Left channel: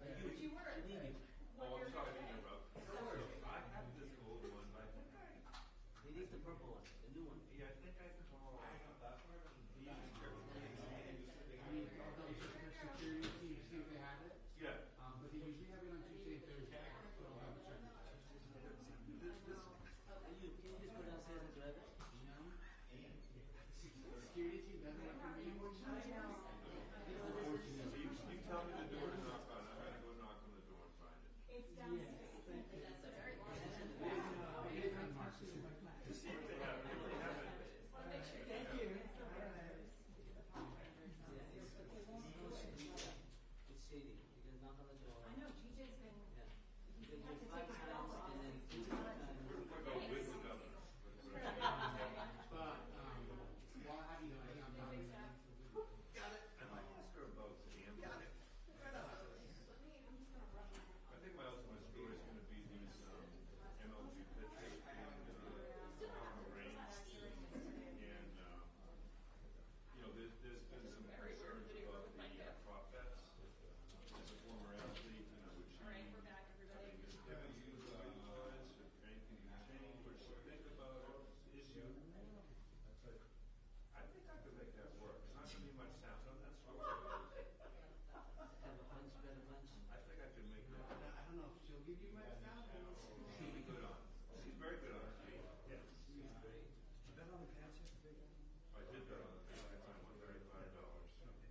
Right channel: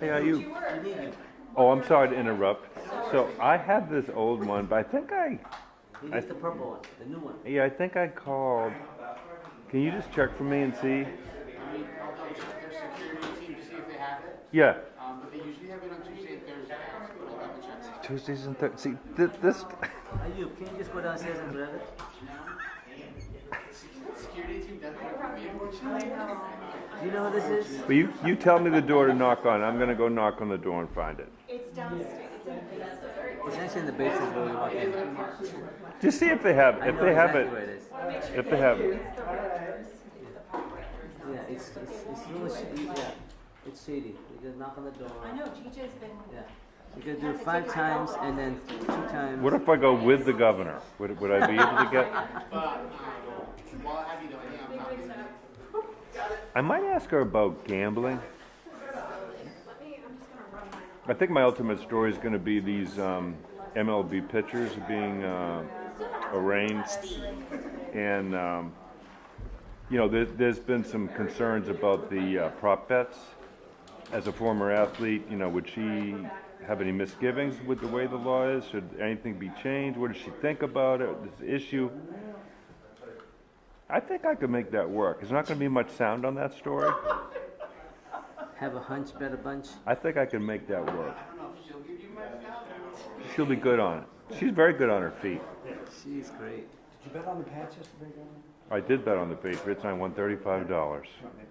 Hey, are you? Oh, I'm sorry to interrupt. So I have this old one, but I think It's the purple one, the new one. yeah, I think I called. Can you just check for me and see? I'll double check their security team to see if they have it. Yeah. But they usually have it on Tuesday and Thursday. I'll double check. Tuesdays and Thursdays. See, this. Ayub, can you just go downstairs and grab it? Security team definitely put me in. Do you know who this is? But you tell me the door to knock on. I'm gonna go knock on the door and find it. It's downstairs. It's actually in the basement where we walk in. Just see if they have. I If know they have exactly it. where it is. If they have it. Yeah, it's a little shady. Yeah, it's shady. You just knock on the door. I know, TJ's been. Yeah. You gotta do it 5 times and then 2 times. What if I go with the governor? Would I be able to get? While I have you though, I think I'm not. I might ask her about gambling. I think my ultimate story is going to be these MLB pitchers being arraigned, and you know, there's been some concerns about the prop bets. As a former athlete, you know, would she have any misgivings with the way the law is? Should anything be changed? What does she think about it? This issue? I think I could make that work. There's not going to be much sound on that story. Have a hunch, bet a bunch. I think I can make that work. She'll be good on it. She's very good on her feet. She's great. Did you bet on the Pats yesterday, Governor? I did bet on the Patriots. I won $35.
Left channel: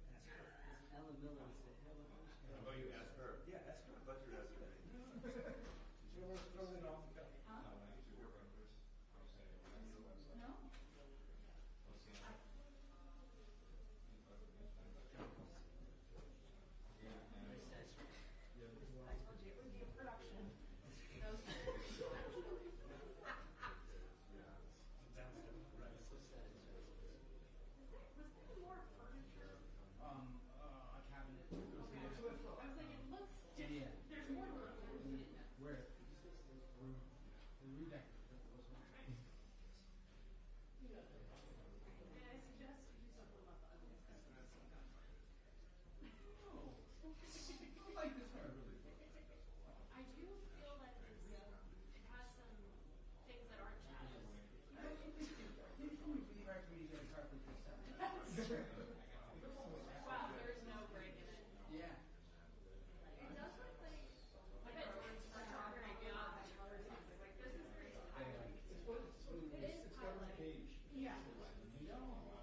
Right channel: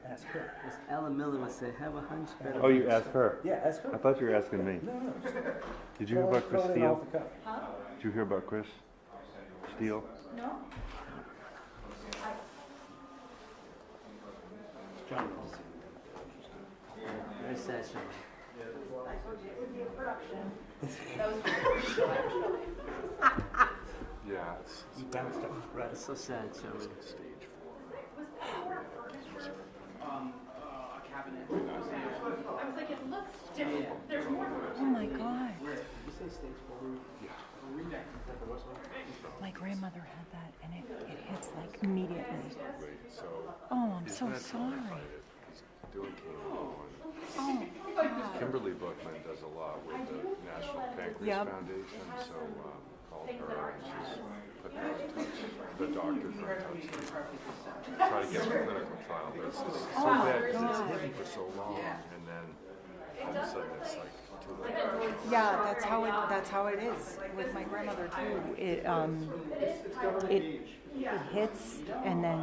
Ask her. As Alan Miller would say, have a hunch, bet a Oh, you bunch. asked her? Yeah, ask her. I thought you were asking me. No. Did you hear about Chris Throw it in Steele? off the cuff. Did you hear about Chris Steele? No? John. Very sad show. Yeah. You bounced off. Right. It's so sad show. A cabinet. I was like, it looks different. There's more. Oh my God. You say stage 4? Yeah. Read that. My grandmother had that and it hits like immediately. Oh, I'm so sorry. Doing chemo. Oh, God. Kimberly Bookman does a lot with the National Pancreas Yep. Foundation, so called her and she's put her in touch. The doctors are in touch. Try to get a clinical trial, but it's so Oh, my bad because it's God. hidden for so long, and then all of a sudden it's like too late. Yeah, that's how it is with my grandmother too. It hits and then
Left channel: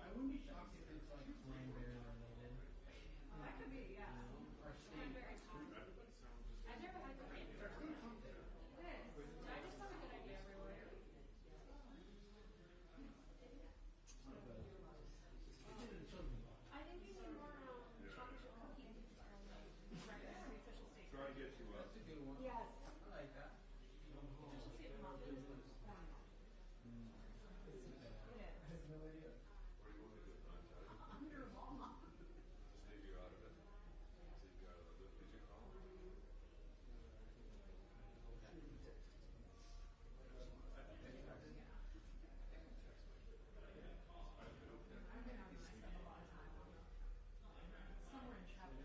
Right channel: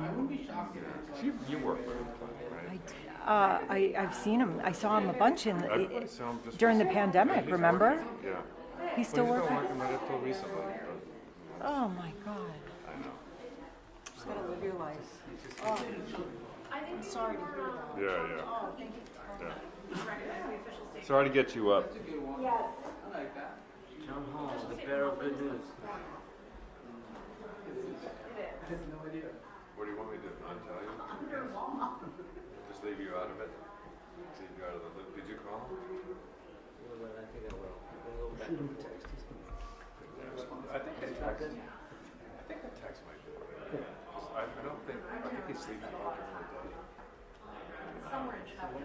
You work with him, I right? I've seen him. I saw him a bunch in I saw him just during the recently. pandemic. He's Remember? Yeah. He's still Well, he's working. been working on it till recently. But Oh my God. I know. Just gotta live your life. Oh, I'm sorry to hear that. Yeah. Oh, thank you. Yeah. Sorry to get you up. John Hall, the bearer of good news. What do you want me to not tell you? Just leave you out of it? Leave you out of the loop. Did you call? I think I will. Shoot him a text. I think the text. I think the text might do it. I don't think. I think he's sleeping all during the day. Somewhere in Chapel.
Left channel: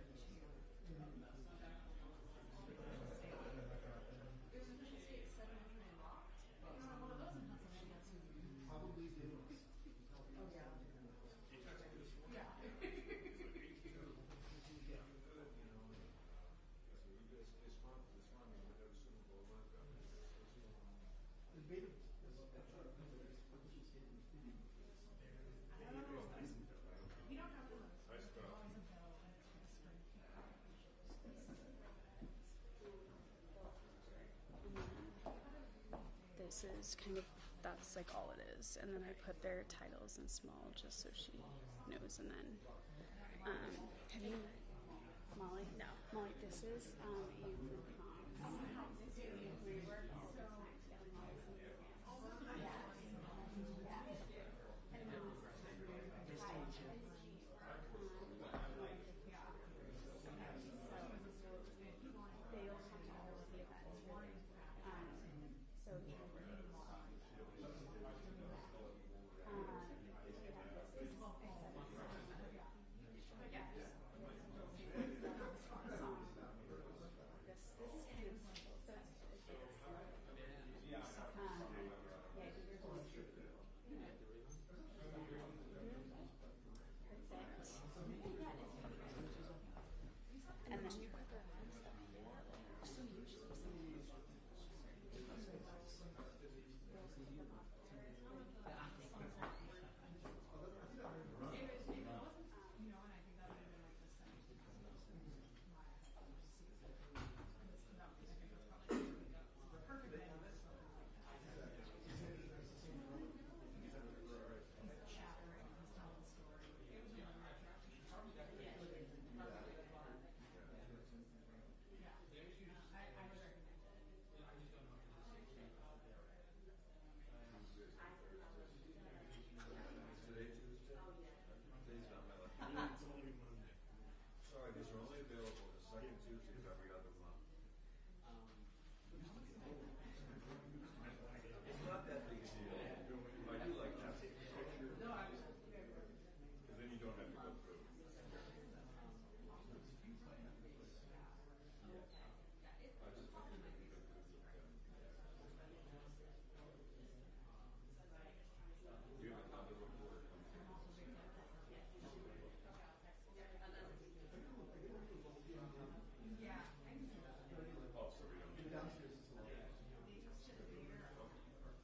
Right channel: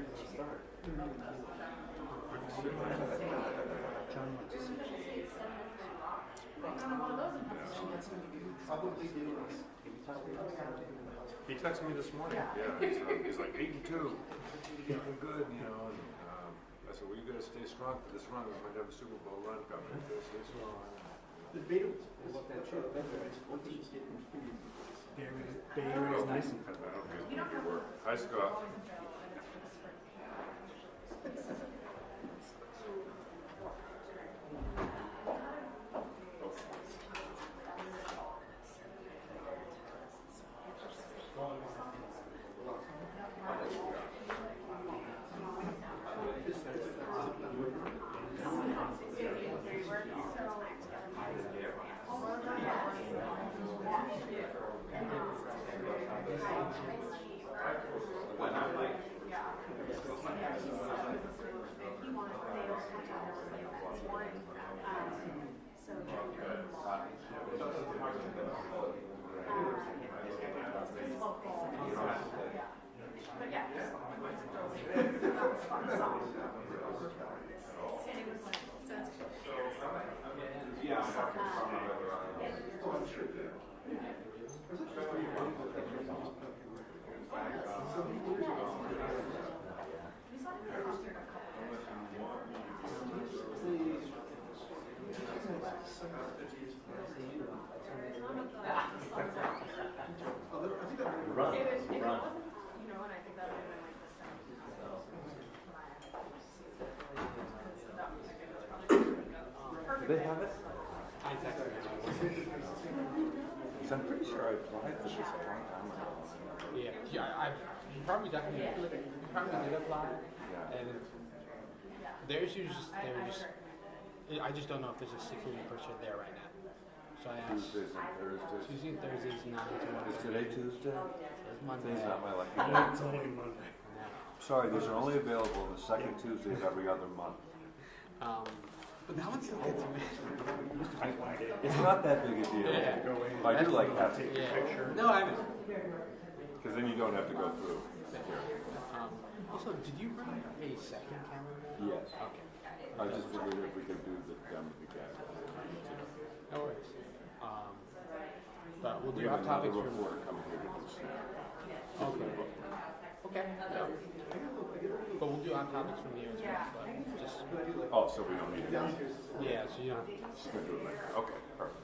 He texted me this morning. Yeah. He's like 8 and 2. Feeling good, you know. And I said, "Well, you gotta stay strong for this run. We might have a Super Bowl run coming. You gotta stay strong." The Beatles. Bay Area is nice and I don't think it's gonna be work. Hi, Scott. When I'm like they have it? I texted him. Because I'm pretty sure I applied for this a long time ago. Yeah, you probably did apply, and I just don't know if there's a security person there right now. So I asked. Tuesdays and Thursdays. Tuesday and Thursdays, 9 to 1. Is today Tuesday? It's Monday. Today's not my lucky It's day. only Monday. Sorry, these are only available the second Tuesday of every other month. But that one still gets me. It's not that big a deal. Yeah. I do like having Yeah. No, I haven't. Because then you don't have to go through. Also, did you bring a second camera? Yes. Okay. I just figured if we could do the demo again. No worries. But we'll We do have hot another topics from. reporter coming here to do snap. Okay. Okay. Yeah. But we'll do hot topics from here as well. But just Oh, so we don't need it. yeah, so you don't have to. Just gonna do it later. Okay, perfect.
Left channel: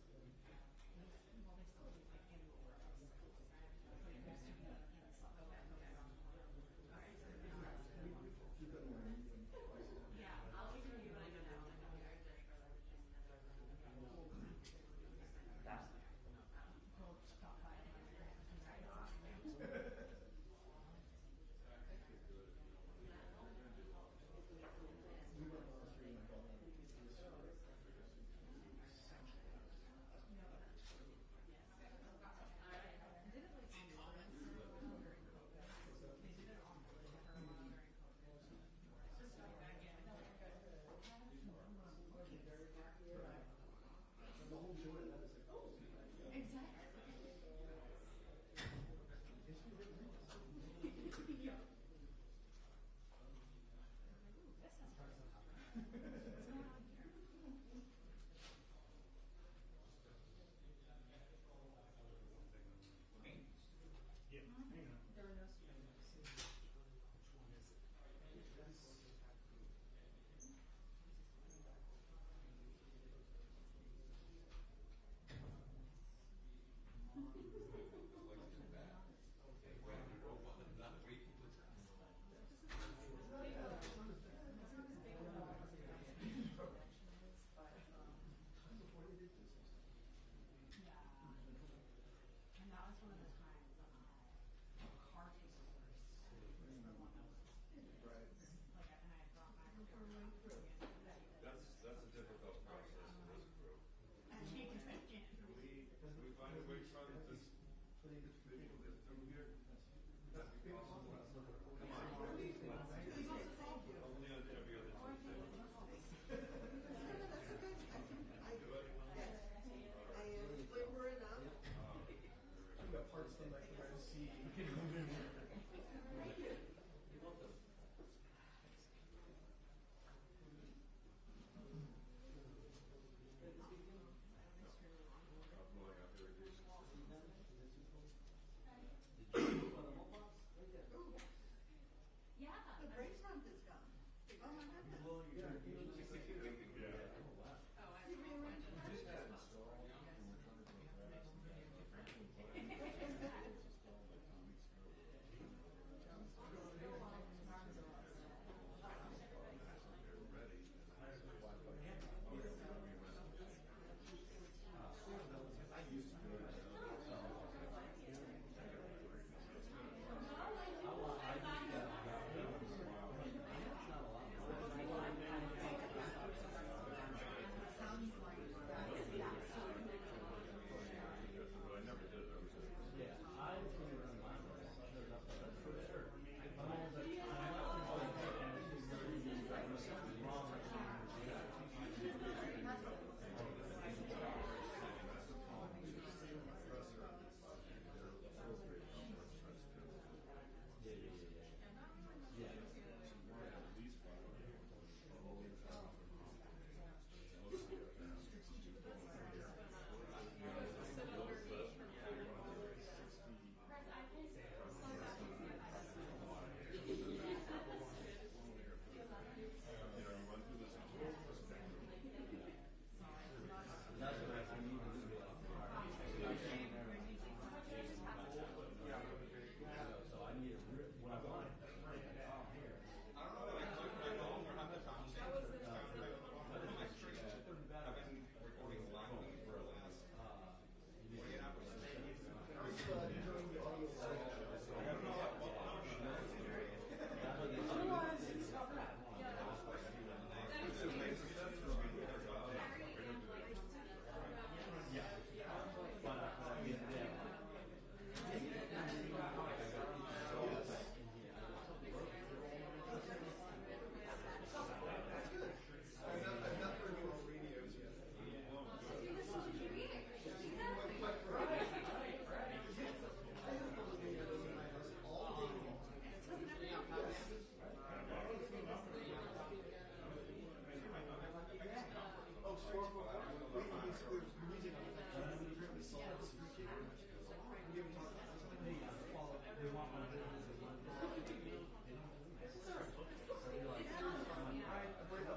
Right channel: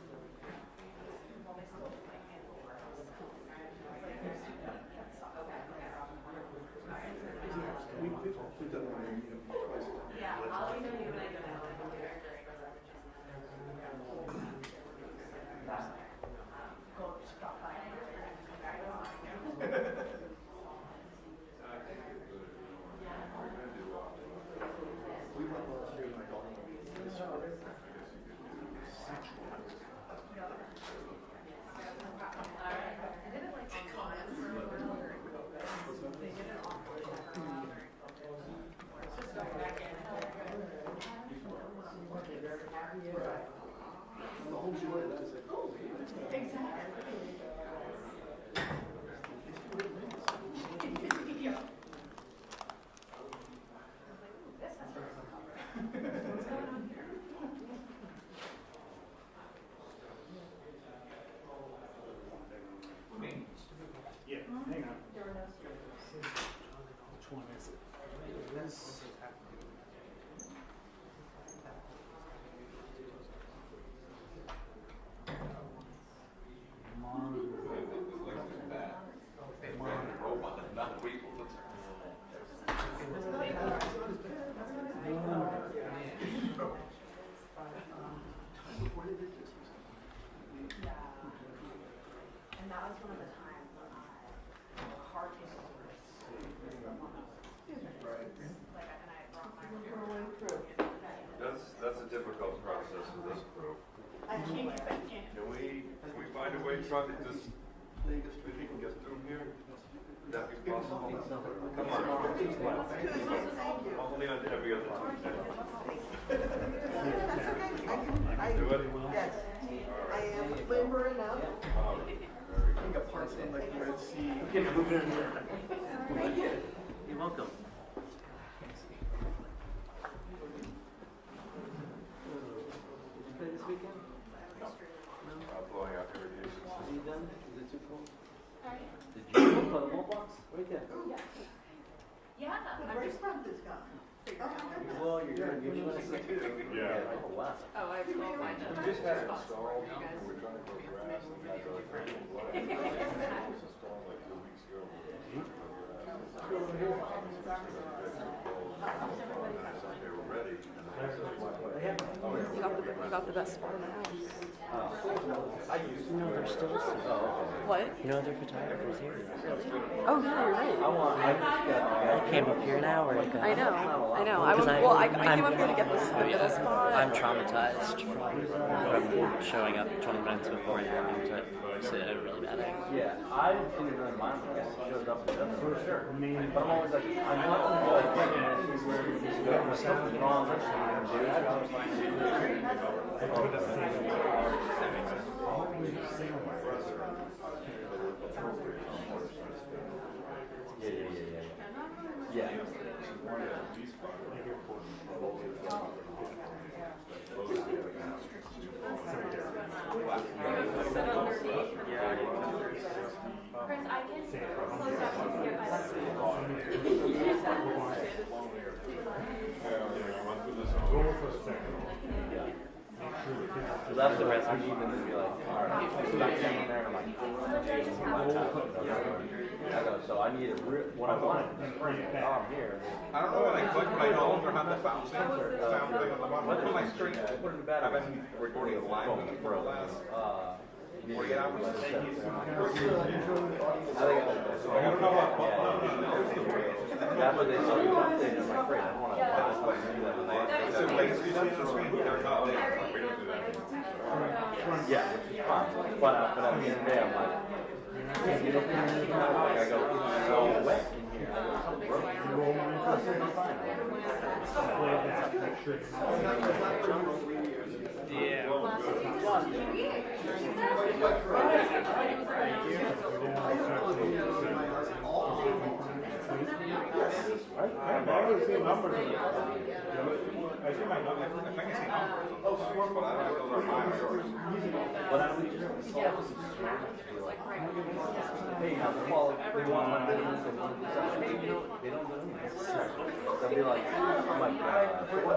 Yeah, hang on. Which one is it? This. And that was one of the times when hard case orders. Like, and I brought my. That's a difficult process with this group. I can't. Can we find a way, Chuck, to just, if you can get through here? Would that be possible? Come on. Only on every other Tuesday. Do it? Yes, I am laboring up. Parts of like Red Sea. Okay, move in here. Thank you. You're welcome. Did you play this weekend? Blowing out irrigation Are system. you done? Is it too cold? Sorry? Did you play the wall box? Right there. Yeah. The brace front is gone. Well, you're doing a second. Yeah. Oh, wow. Oh, I have to go find We just had it installed, and we're trying to grow grass, and guys are like, "What?" It was installed like 2 weeks ago. They were ready, and I said, You got the best spot in the house. You know they're still What? You know they're photographers here. Oh yeah, you're right. I came up here an hour ago. I know. I Because came up here to get this the middle spot. I'm traumatized from showing up 20 minutes before and having to sit at a really bad angle. Yeah, I didn't see it in mind when it showed up. For sure. But I'm always like, I'm not like thinking there's something wrong with Yeah. Chris, I can close up and skip my So that's the rest. I even to be like, all right, so that's in there, and I'm like, I go, so I need what I want. Oh, I'm here. I don't know when I click my own or have the sound thing on the bottom. Put my string. I've been recording live for the last 48 hours. I don't know what. That's what they saw you updated. I'm afraid I don't want to buy So basically, they're not there. We don't do that. yeah, which is fine. But at the end of the day, I'm like, can't get up in here. Like I go, it's so wet in here. I go, something broke. I said, I'm fine. I always see numbers. I see my numbers. I think I see numbers. But I don't know if those are mine or yours. But I don't need to hey, how the quality, they want my business, they want something, they don't do it. They'll be like, oh my God.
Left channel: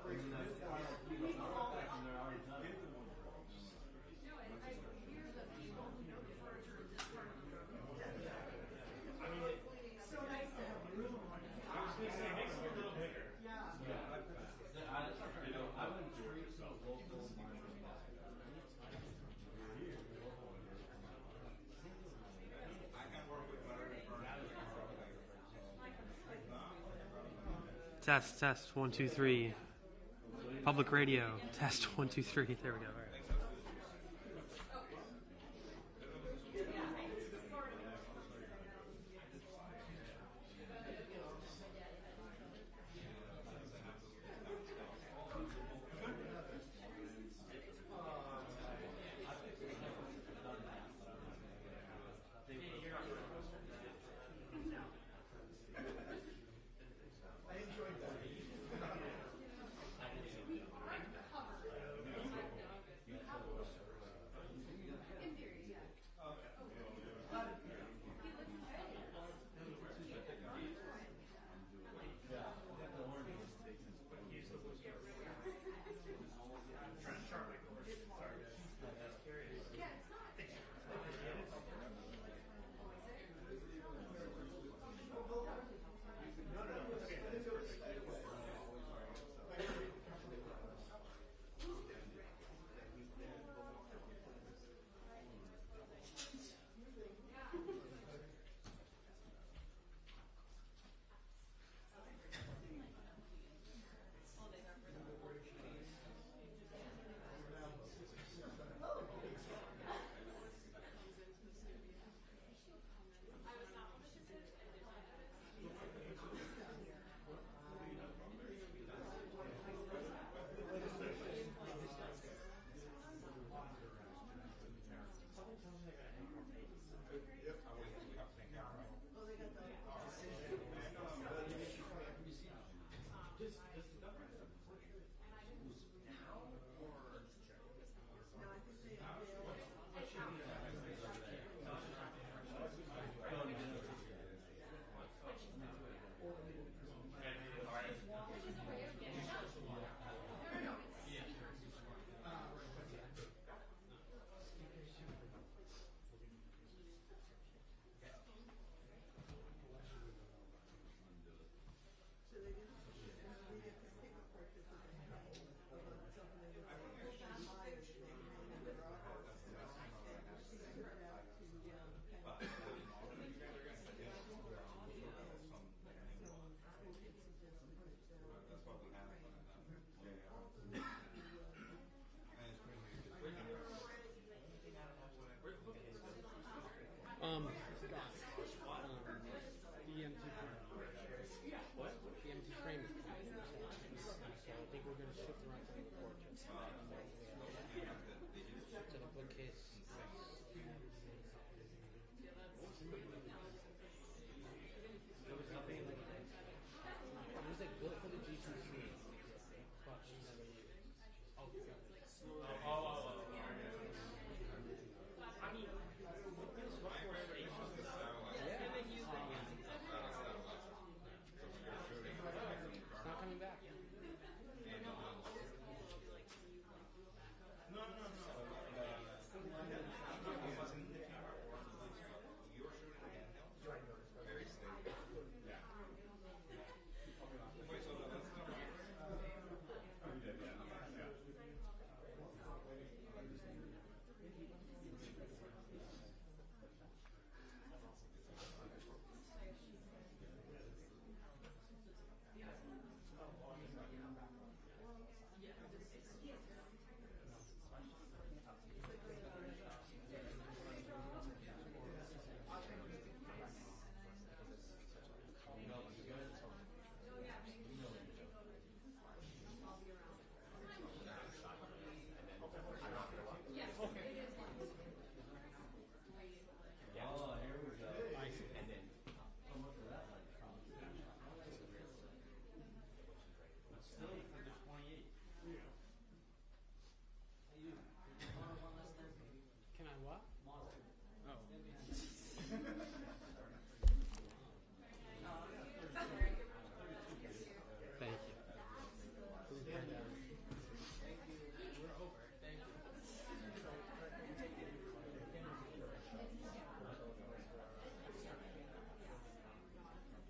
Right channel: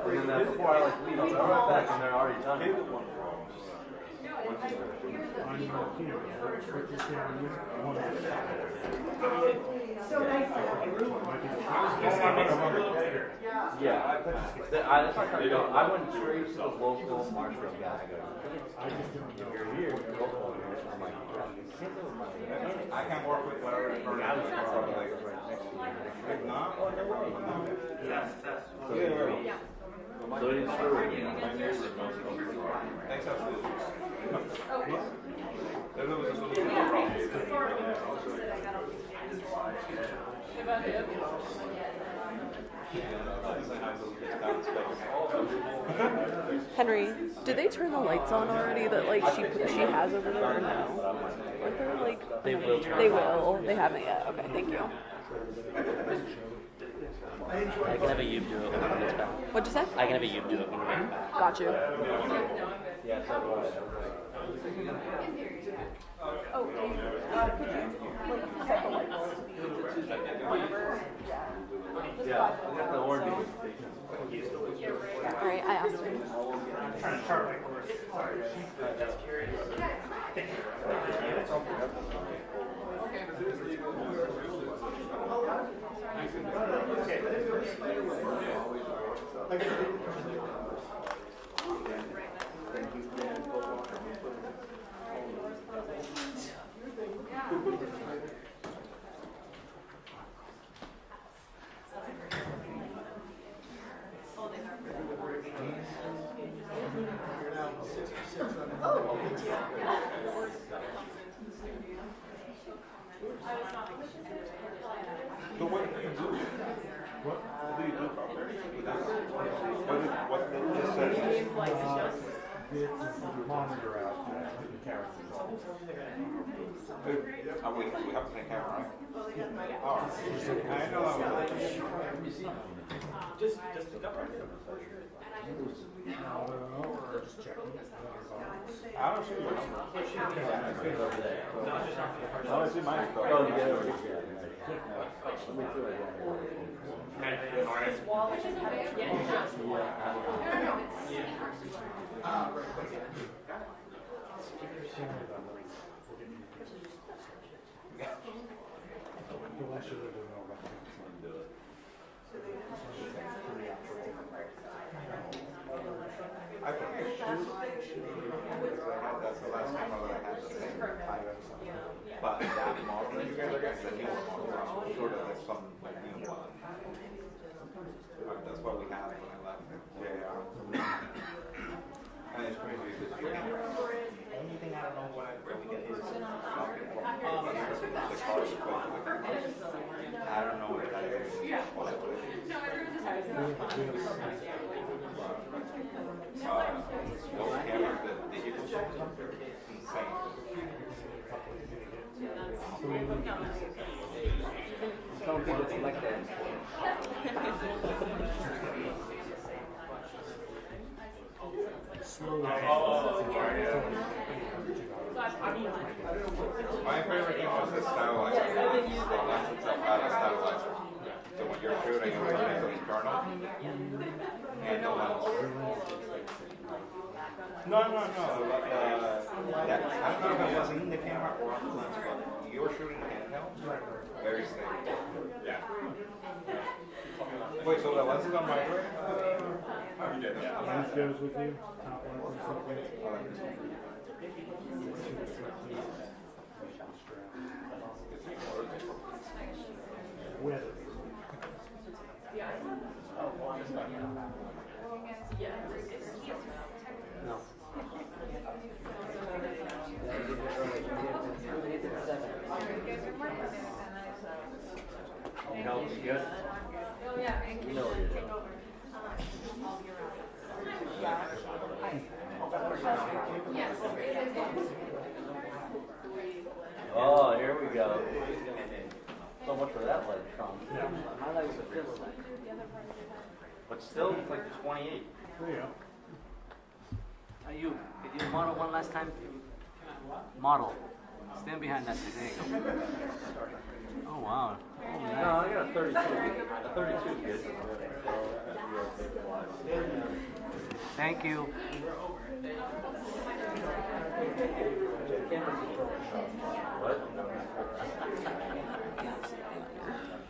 And then that's before I like leave, I'll come back and they're already done. Yeah, that's not trying to go. I went straight to the local Marshall guy. I go, you're here, you're local. I'm like, I can work with whatever. Test 1 2 3. Public radio. Test 1 2 3. Thanks, absolutely. Henry, did they turn the lights on already that like she has over there or no? Aren't there like They will turn They will. They haven't yet. Okay, thank you. I can have a you do it when it's back. What'd you say? I can have a you do it when it's back. Got you. yeah, so was. Oh, could you like set the lights? Yeah, the orange. All right, I asked him. We have the same camera, right? Oh, I know. Just I don't see your number. I don't see mine. Oh, you get it over here. I think I should. That's the last time I had the same item. But that model that you guys are getting, the new model, sort of like some like new one. That's what we had when I left. Yeah. And it's crazy because you can. Only thing I don't know what I really get is the cars, but I don't know if that is what I would. Those cameras, the digital stuff, they're insane. Some people like that. My favorite thing was the stabilizer. Stabilizer. So when you're shooting, it was internal. And the lens. No. I don't know if it was in the camera or on the lens, but you're shooting handheld. Very stable. Yeah. Wait, so the lens is on my way? Lens goes with you. Top lens and stuff like that. With. You know, you good? You know what it is. Oh, here we go. So much for that leg, Sean. My legs are fifth leg. But still, it's like 28. There you go. You, did you model one last time? Model. Stand behind that thing. There you go. Oh, wow. Oh, nice. No, I got a 32. A 32 kid. Thank you. What?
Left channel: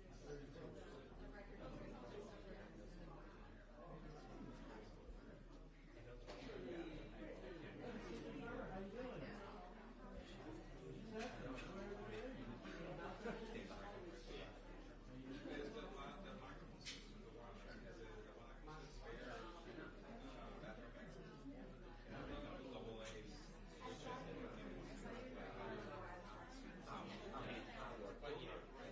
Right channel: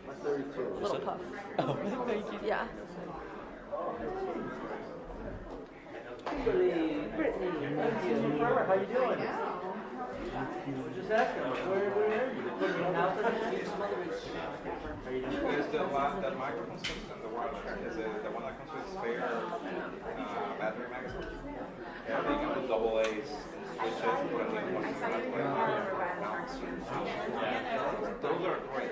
What's 32? Little puff. Oh, thank you. Yeah. Brittany, thank you. How you doing? Just asking, where are you? Now for the Is the microphone system the one is it the one that comes with spare battery magazine? Yeah, they come with double A's, switches, put in like one mounts. Those are great.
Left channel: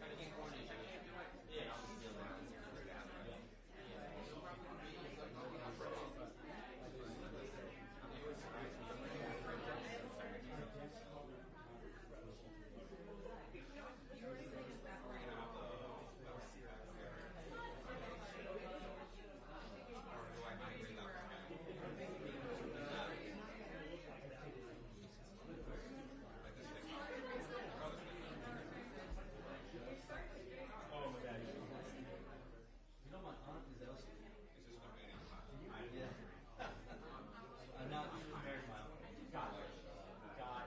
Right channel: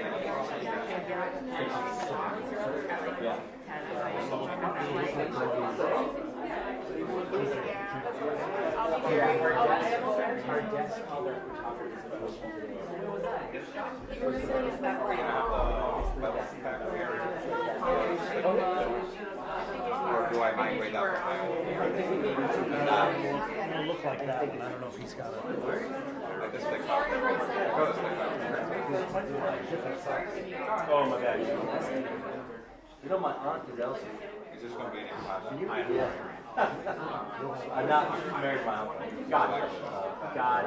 Or do I migrate out to my own? It'll look like that one. I don't know if he's got it. Like this stick out. Go this stick out. Oh my God. You know my aunt is Elsie. It's just going to be an impossible. Yeah. I'm not married my uncle. God. God.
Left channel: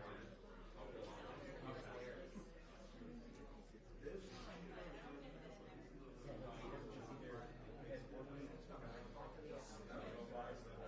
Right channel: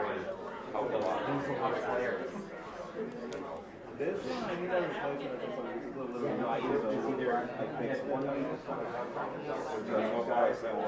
This is another place that I think a little either I think one of these guys that were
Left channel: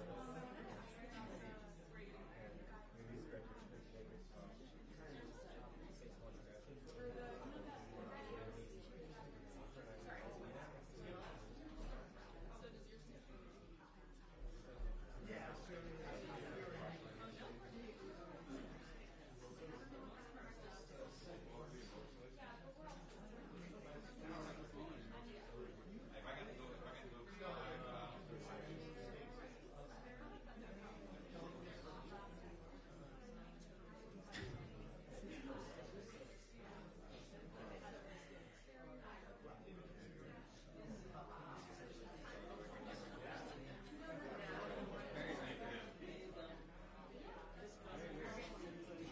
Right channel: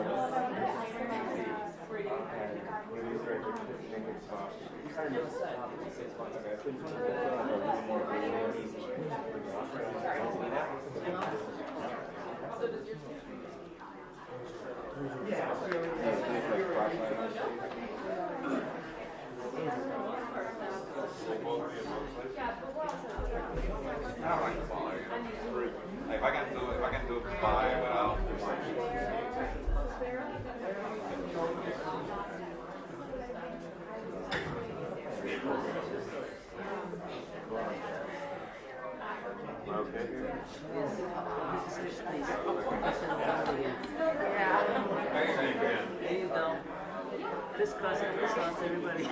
I don't like the ball. If I can do it by well. There you go. Crisscross and crisscross, everybody.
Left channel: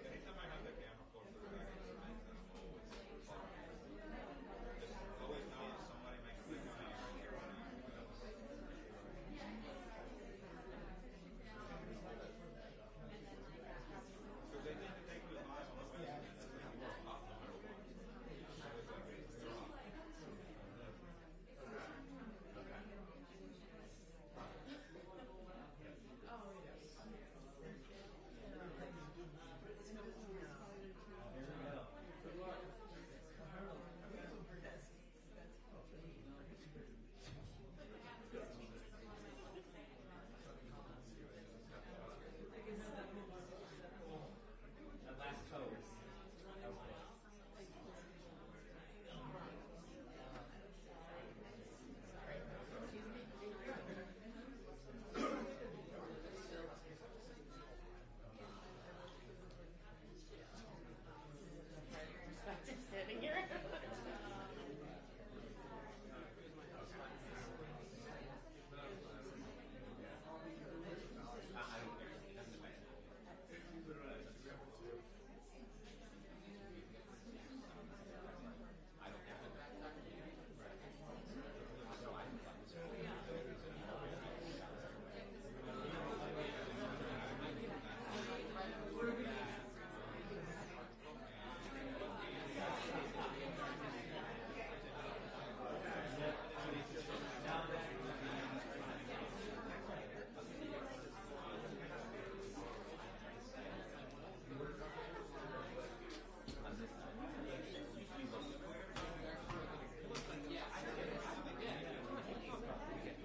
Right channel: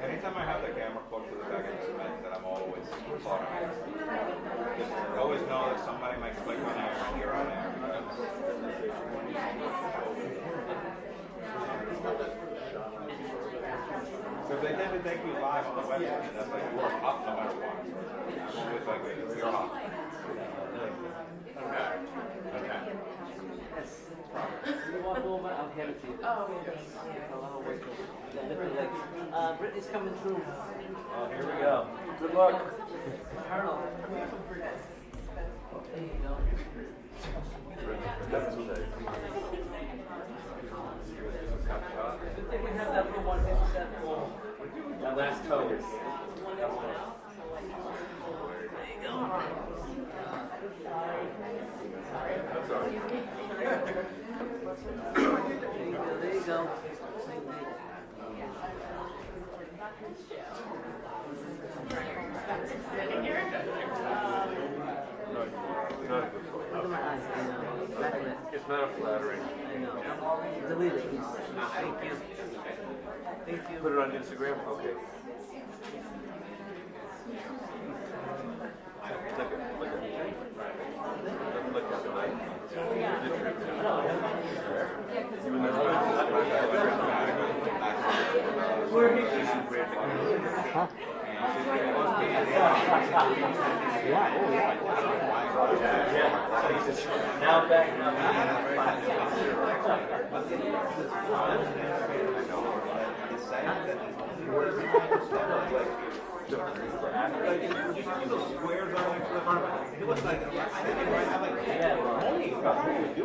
Anytime I have the camera close to the back of the cement, that I'm always thought of it. Just always know that somebody might click on air and you're on air. So if they tend to take you live on the website, that's like you're up no matter what. I'm always like, you're up. Okay. You walk over, I'll hand it to you. Oh, Brittany's coming through. Oh, here we go. Good luck. Colonel. There you go. Good thing we have that little 157. That last toe. There you go. That's all right. There you go. Look at my eyes. It's not a flattering. Delete it. Thank you. Thank you. Put it on Instagram? Okay. Look at it. Huh? Yeah, oh yeah. Now back up. It was like, I didn't really have like, only about what we do.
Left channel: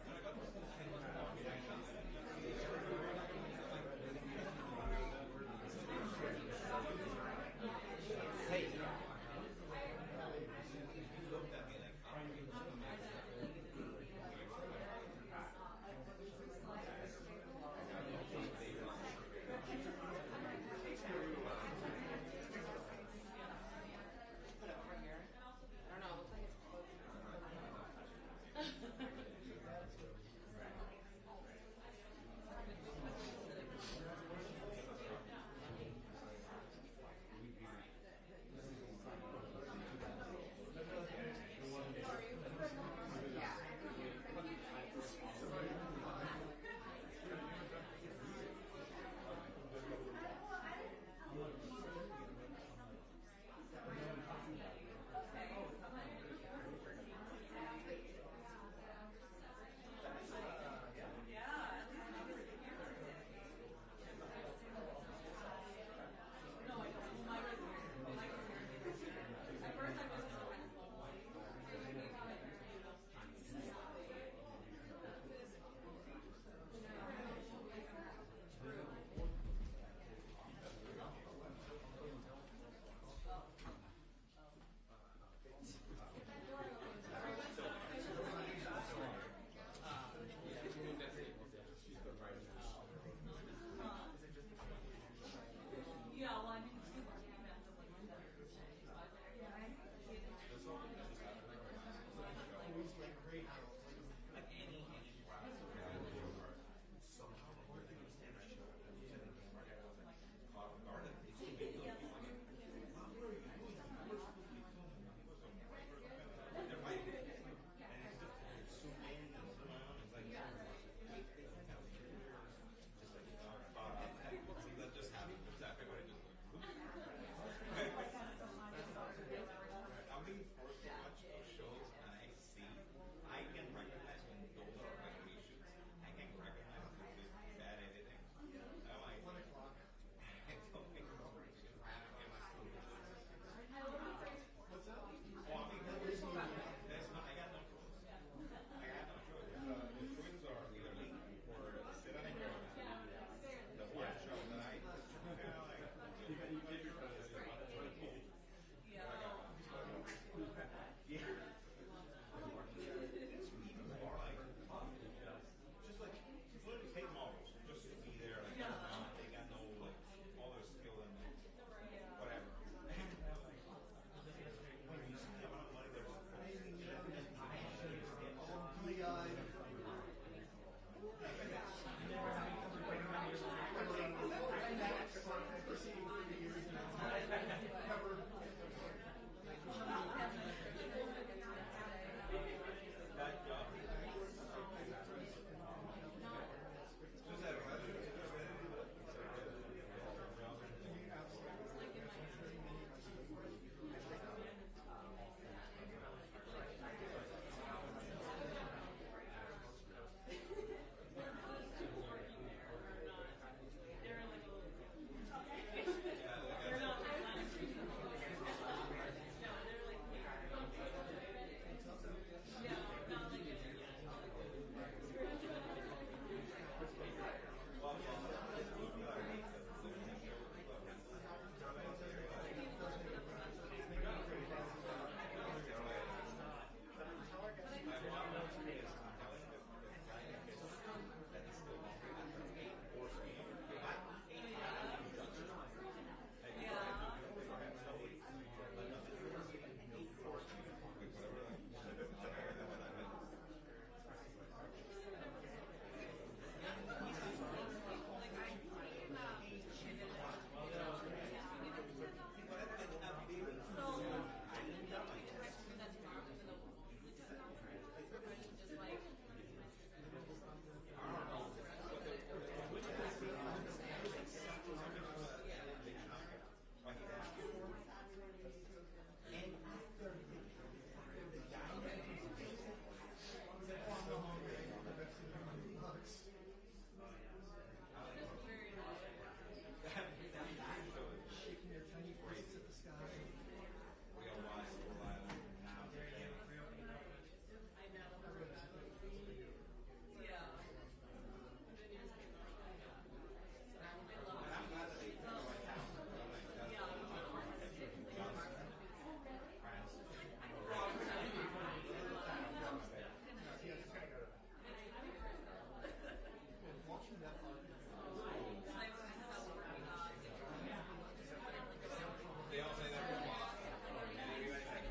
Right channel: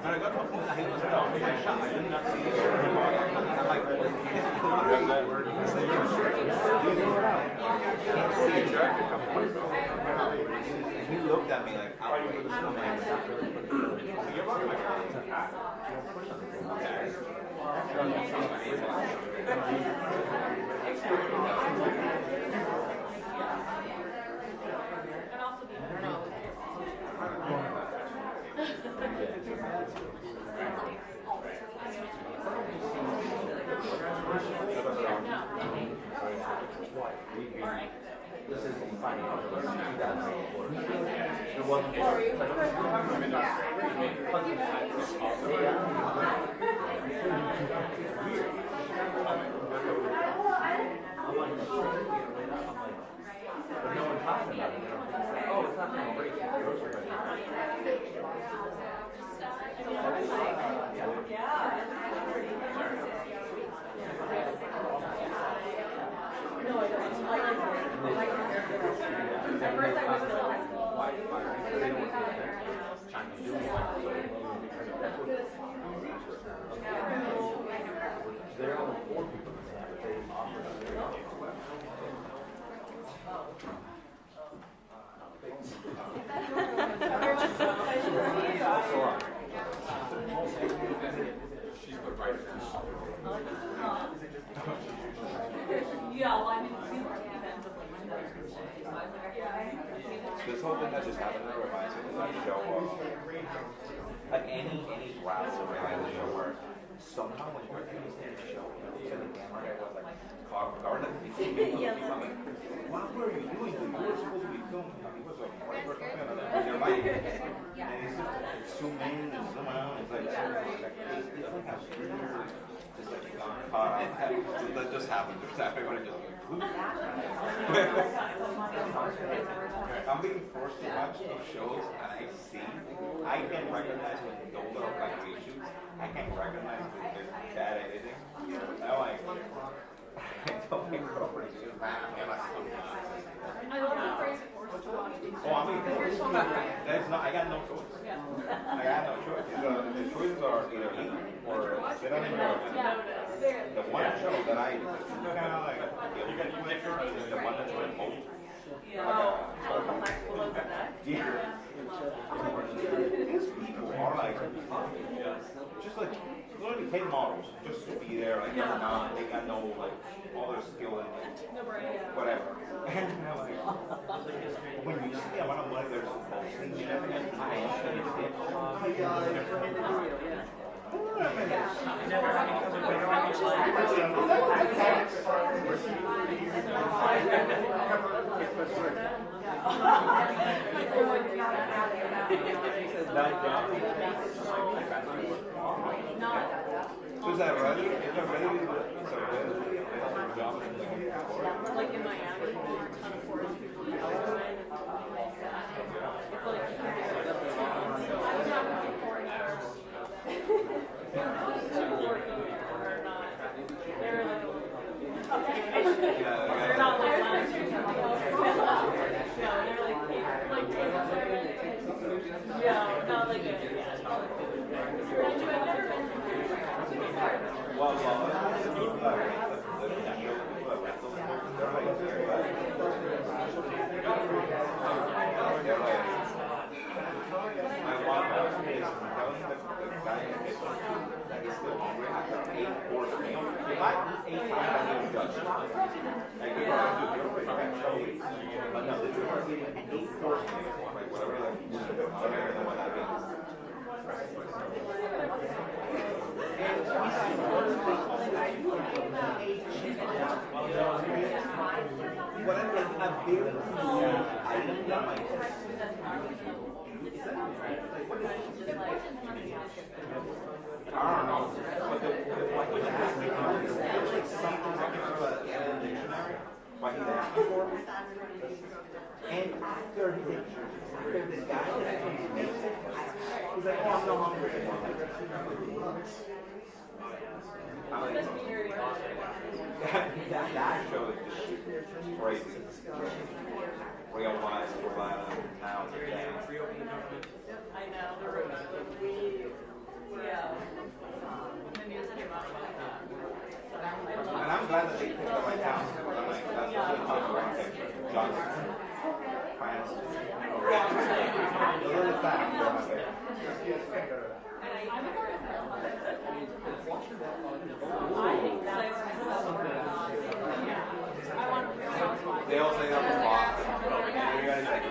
When I got to a point that he was out, I shot, I did not see it. I'm like, he looked at me like, outraged. I'm like, you're about my This whole thing that just happened there reminds me of that show like any rattle reality show where somehow when you're in the show, and the camera was like caught off guard, like I'm like, what were you doing? You were supposed to be filming. He was a writer or something, and you're like, and he's just zoom in and zoom out. It's like, it's like gone caught out. That just happened. Everybody just like, I'm being forced to watch those shows, and I can recognize when those are like reshoots. I can recognize when there's bad editing. I like, I don't think girlfriends just laugh at us sometimes. I love the phrase forced to watch. Oh, I mean, that's not. I got no choice. I got no choice. The choices are either eat or sit on the bed. The one show that I kind of like, you got you make sure is the one that's with both. These people are like, just like literally paid models, just to be there. Like, they're not, they got no like all their skill and like, whatever. And I'm like, when you see the amount of money they're supposed to get, so is that ready? Is that ready? Like in Miami, on a forest people do that. It's like they're not like yeah, not like a And after this guy, he's like, oh, I'm no longer that show is just crazy. Real life, now today. And I'm glad that they picked up my house. I'm like, that's what I'm Johnson. France. A little fast, but my favorite. They all say that was lost. You guys like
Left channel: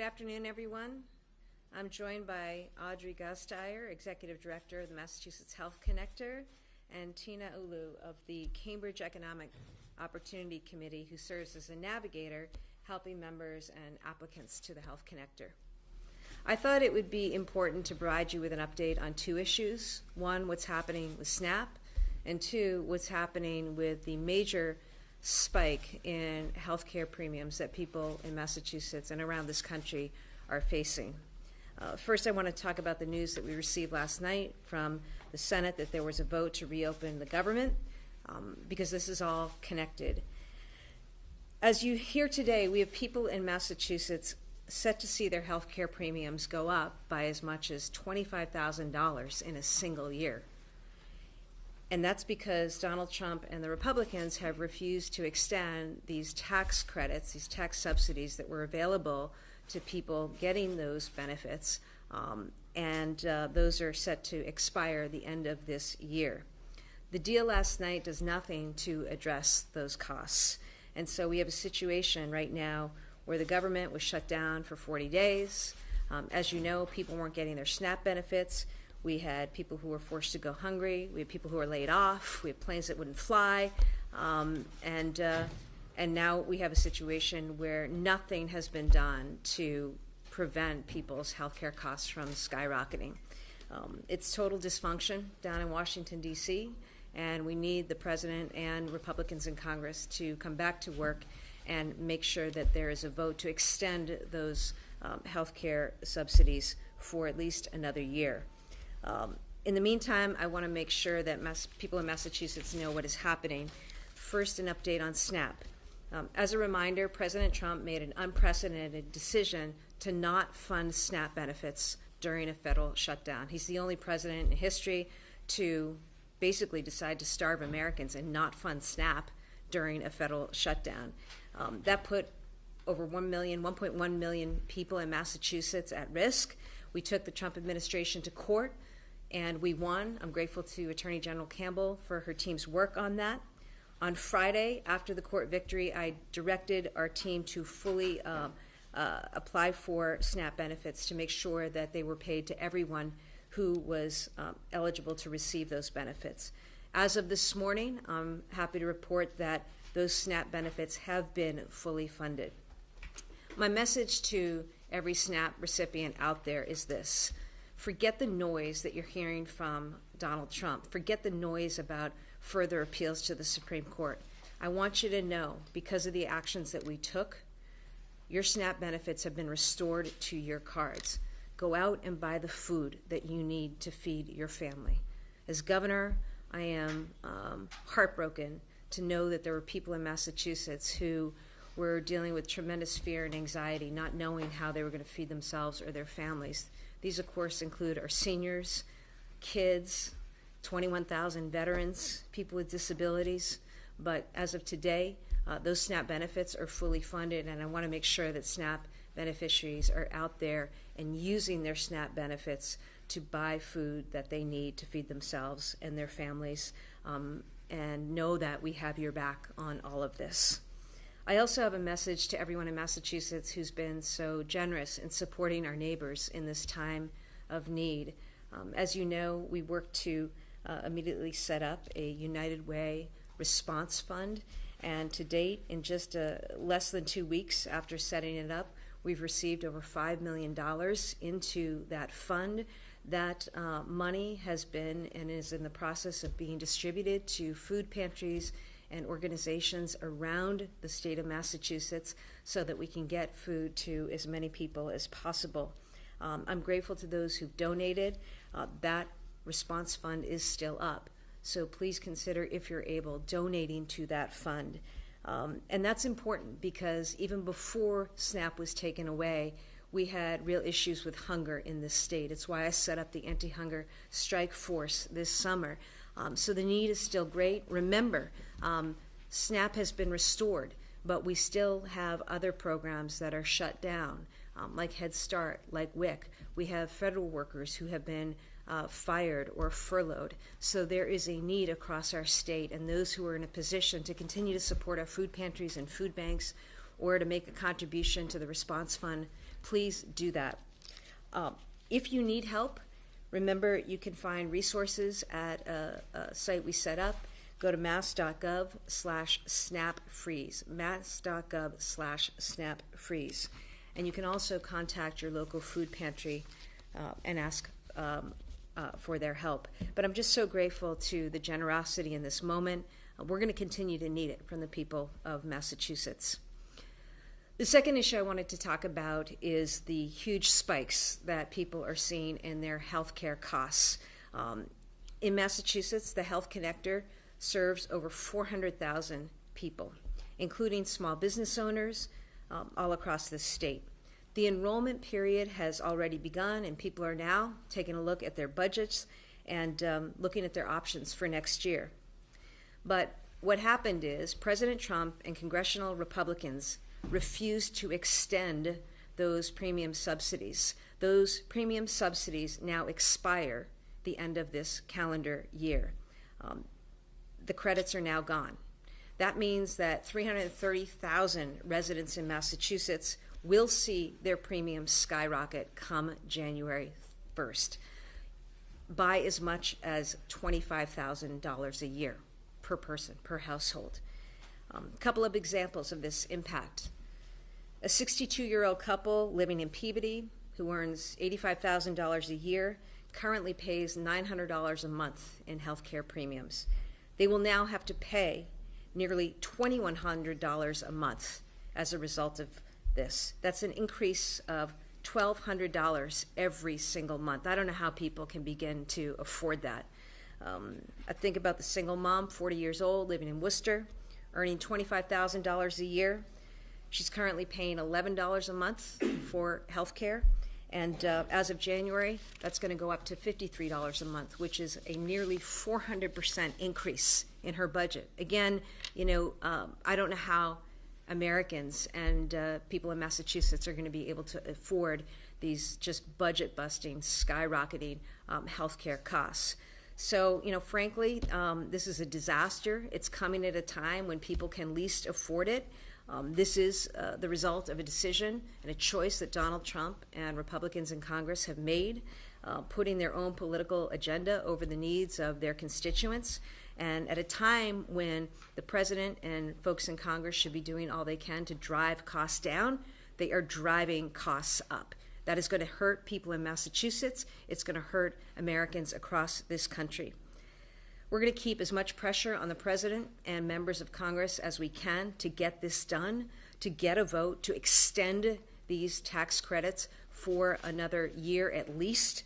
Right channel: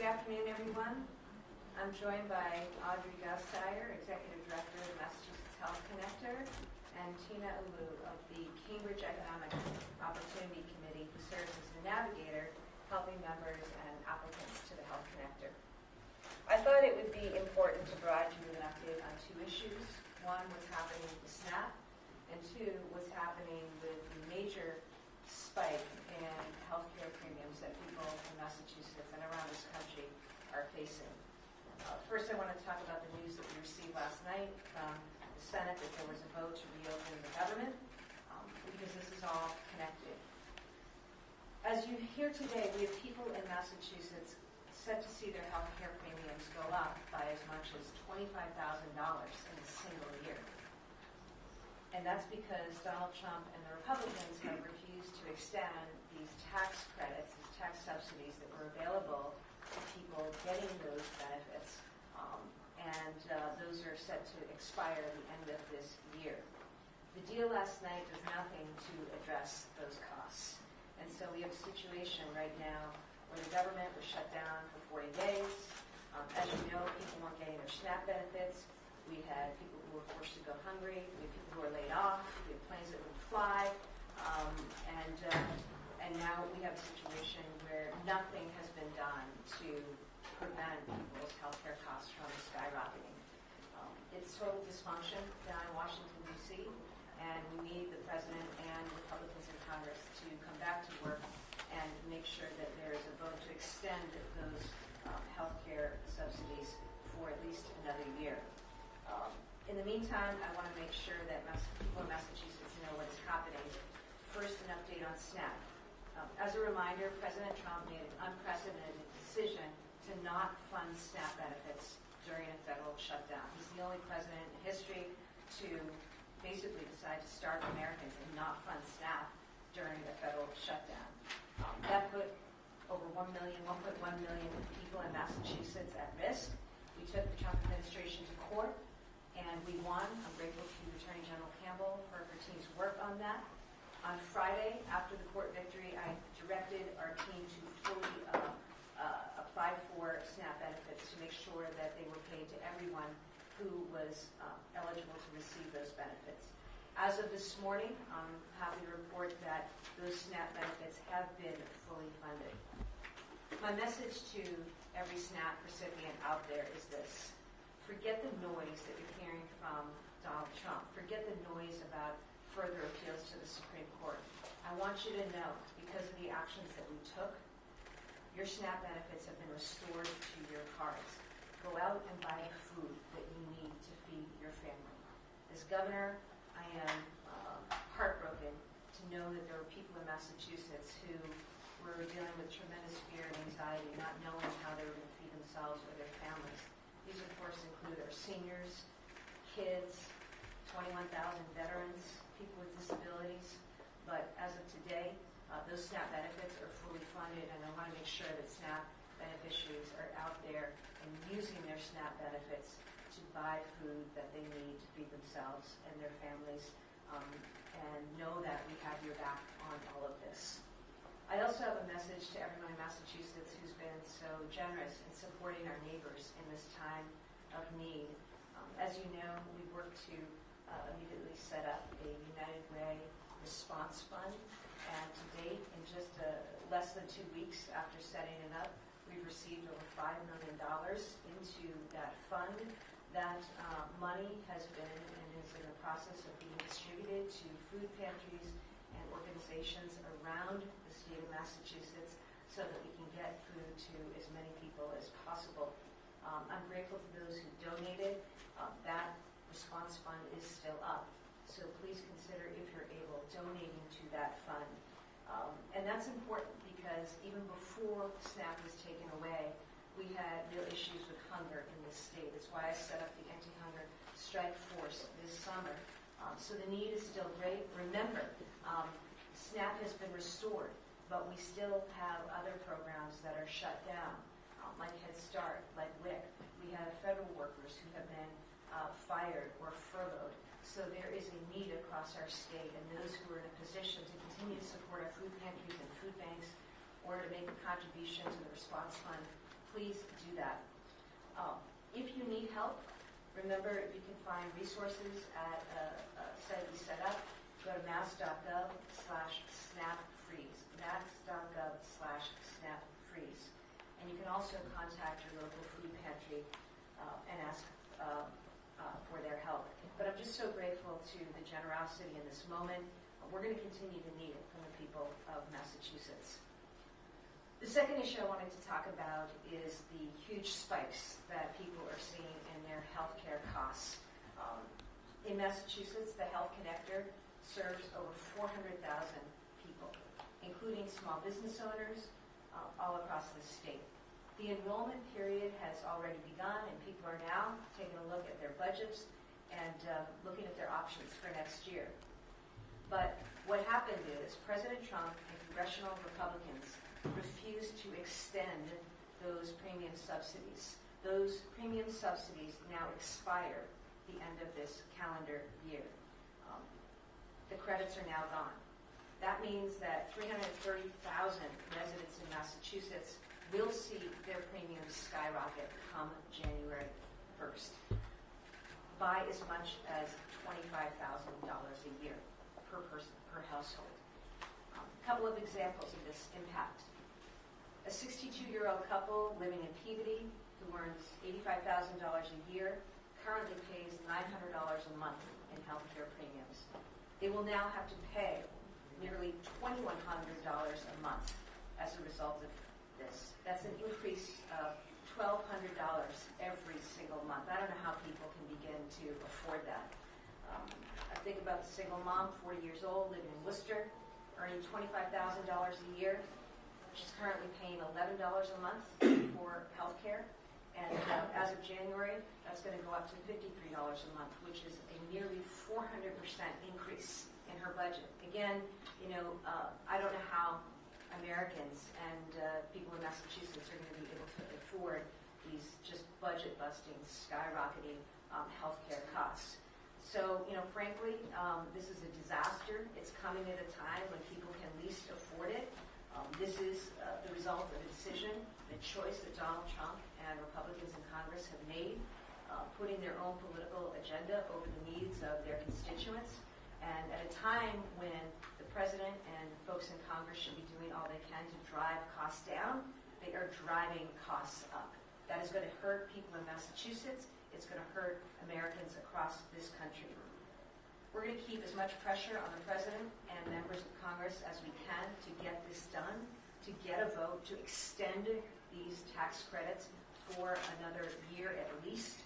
Good afternoon, everyone. I'm joined by Audrey Gustire, Executive Director of the Massachusetts Health Connector, and Tina Alu of the Cambridge Economic Opportunity Committee, who serves as a navigator, helping members and applicants to the Health Connector. I thought it would be important to provide you with an update on two issues. One, what's happening with SNAP, and two, what's happening with the major spike in healthcare premiums that people in Massachusetts and around this country are facing. First, I want to talk about the news that we received last night from the Senate that there was a vote to reopen the government, because this is all connected. As you hear today, we have people in Massachusetts set to see their healthcare premiums go up by as much as $25,000 in a single year. And that's because Donald Trump and the Republicans have refused to extend these tax credits, these tax subsidies that were available to people getting those benefits, and those are set to expire the end of this year. The deal last night does nothing to address those costs. And so we have a situation right now where the government was shut down for 40 days. As you know, people weren't getting their SNAP benefits. We had people who were forced to go hungry. We had people who were laid off. We had planes that wouldn't fly. And now we have a situation where nothing has been done to prevent people's healthcare costs from skyrocketing. It's total dysfunction down in Washington, D.C., and we need the president and Republicans in Congress to come back to work and make sure that there is a vote to extend those healthcare subsidies for at least another year. In the meantime, I want to make sure that people in Massachusetts know what is happening. First, an update on SNAP. As a reminder, President Trump made an unprecedented decision to not fund SNAP benefits during a federal shutdown. He's the only president in history to basically decide to starve Americans and not fund SNAP during a federal shutdown. That put over 1.1 million people in Massachusetts at risk. We took the Trump administration to court and we won. I'm grateful to Attorney General Campbell for her team's work on that. On Friday, after the court victory, I directed our team to fully apply for SNAP benefits to make sure that they were paid to everyone who was eligible to receive those benefits. As of this morning, I'm happy to report that those SNAP benefits have been fully funded. My message to every SNAP recipient out there is this: forget the noise that you're hearing from Donald Trump. Forget the noise about further appeals to the Supreme Court. I want you to know, because of the actions that we took, your SNAP benefits have been restored to your cards. Go out and buy the food that you need to feed your family. As governor, I am heartbroken to know that there were people in Massachusetts who were dealing with tremendous fear and anxiety, not knowing how they were going to feed themselves or their families. These, of course, include our seniors, kids, 21,000 veterans, people with disabilities. But as of today, those SNAP benefits are fully funded, and I want to make sure that SNAP beneficiaries are out there and using their SNAP benefits to buy food that they need to feed themselves and their families, and know that we have your back on all of this. I also have a message to everyone in Massachusetts who's been so generous in supporting our neighbors in this time of need. As you know, we worked to immediately set up a United Way response fund, and to date, in just less than 2 weeks after setting it up, we've received over $5 million into that fund. That money has been and is in the process of being distributed to food pantries and organizations around the state of Massachusetts so that we can get food to as many people as possible. I'm grateful to those who donated. That response fund is still up, so please consider, if you're able, donating to that fund. And that's important because even before SNAP was taken away, we had real issues with hunger in this state. It's why I set up the anti-hunger strike force this summer. So the need is still great. Remember, SNAP has been restored, but we still have other programs that are shut down, like Head Start, like WIC. We have federal workers who have been fired or furloughed. So there is a need across our state, and those who are in a position to continue to support our food pantries and food banks or to make a contribution to the response fund, please do that. If you need help, remember you can find resources at a site we set up. Go to mass.gov/snapfreeze, mass.gov/snapfreeze. And you can also contact your local food pantry and ask for their help. But I'm just so grateful to the generosity in this moment. We're going to continue to need it from the people of Massachusetts. The second issue I wanted to talk about is the huge spikes that people are seeing in their health care costs. In Massachusetts, the Health Connector serves over 400,000 people, including small business owners all across the state. The enrollment period has already begun, and people are now taking a look at their budgets and looking at their options for next year. But what happened is President Trump and congressional Republicans refused to extend those premium subsidies. Those premium subsidies now expire the end of this calendar year. The credits are now gone. That means that 330,000 residents in Massachusetts will see their premiums skyrocket come January 1st by as much as $25,000 a year per person, per household. A couple of examples of this impact. A 62-year-old couple living in Peabody who earns $85,000 a year currently pays $900 a month in healthcare premiums. They will now have to pay nearly $2,100 a month as a result of this. That's an increase of $1,200 every single month. I don't know how people can begin to afford that. I think about the single mom, 40 years old, living in Worcester, earning $25,000 a year. She's currently paying $11 a month for health care. And as of January, that's going to go up to $53 a month, which is a nearly 400% increase in her budget. Again, I don't know how Americans and people in Massachusetts are going to be able to afford these just budget-busting, skyrocketing healthcare costs. So, frankly, this is a disaster. It's coming at a time when people can least afford it. This is the result of a decision and a choice that Donald Trump and Republicans in Congress have made, putting their own political agenda over the needs of their constituents. And at a time when the president and folks in Congress should be doing all they can to drive costs down, they are driving costs up. That is going to hurt people in Massachusetts. It's going to hurt Americans across this country. We're going to keep as much pressure on the president and members of Congress as we can to get this done, to get a vote, to extend these tax credits for another year at least.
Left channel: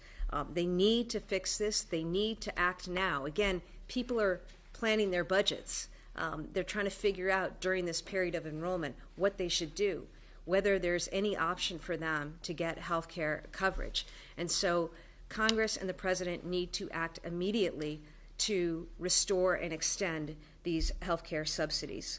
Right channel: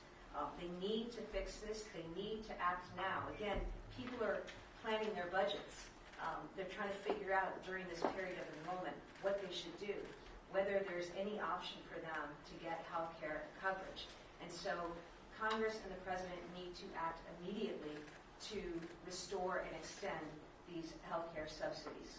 They need to fix this. They need to act now. Again, people are planning their budgets. They're trying to figure out during this period of enrollment what they should do, whether there's any option for them to get health care coverage. And so Congress and the president need to act immediately to restore and extend these health care subsidies.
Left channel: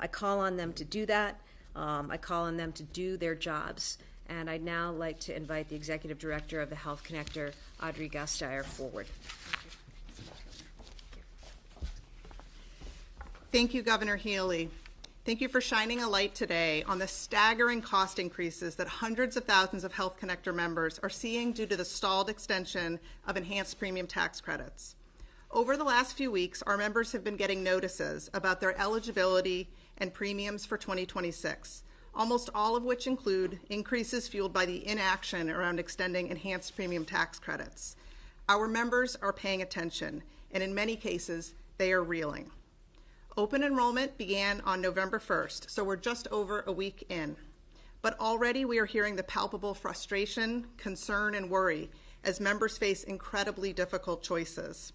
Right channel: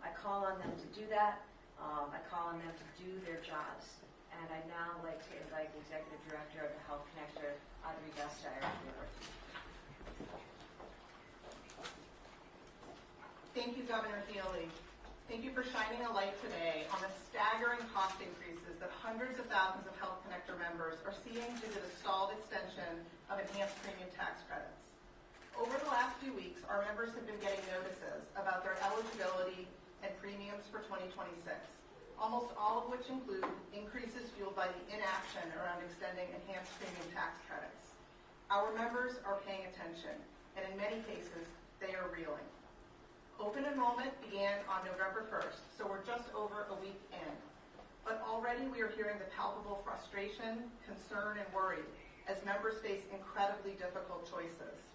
I call on them to do that. I call on them to do their jobs. And I'd now like to invite the Executive Director of the Health Connector, Audrey Gasteyer, forward. Thank you, Governor Healey. Thank you for shining a light today on the staggering cost increases that hundreds of thousands of Health Connector members are seeing due to the stalled extension of enhanced premium tax credits. Over the last few weeks, our members have been getting notices about their eligibility and premiums for 2026, almost all of which include increases fueled by the inaction around extending enhanced premium tax credits. Our members are paying attention, and in many cases, they are reeling. Open enrollment began on November 1st, so we're just over a week in. But already we are hearing the palpable frustration, concern, and worry as members face incredibly difficult choices.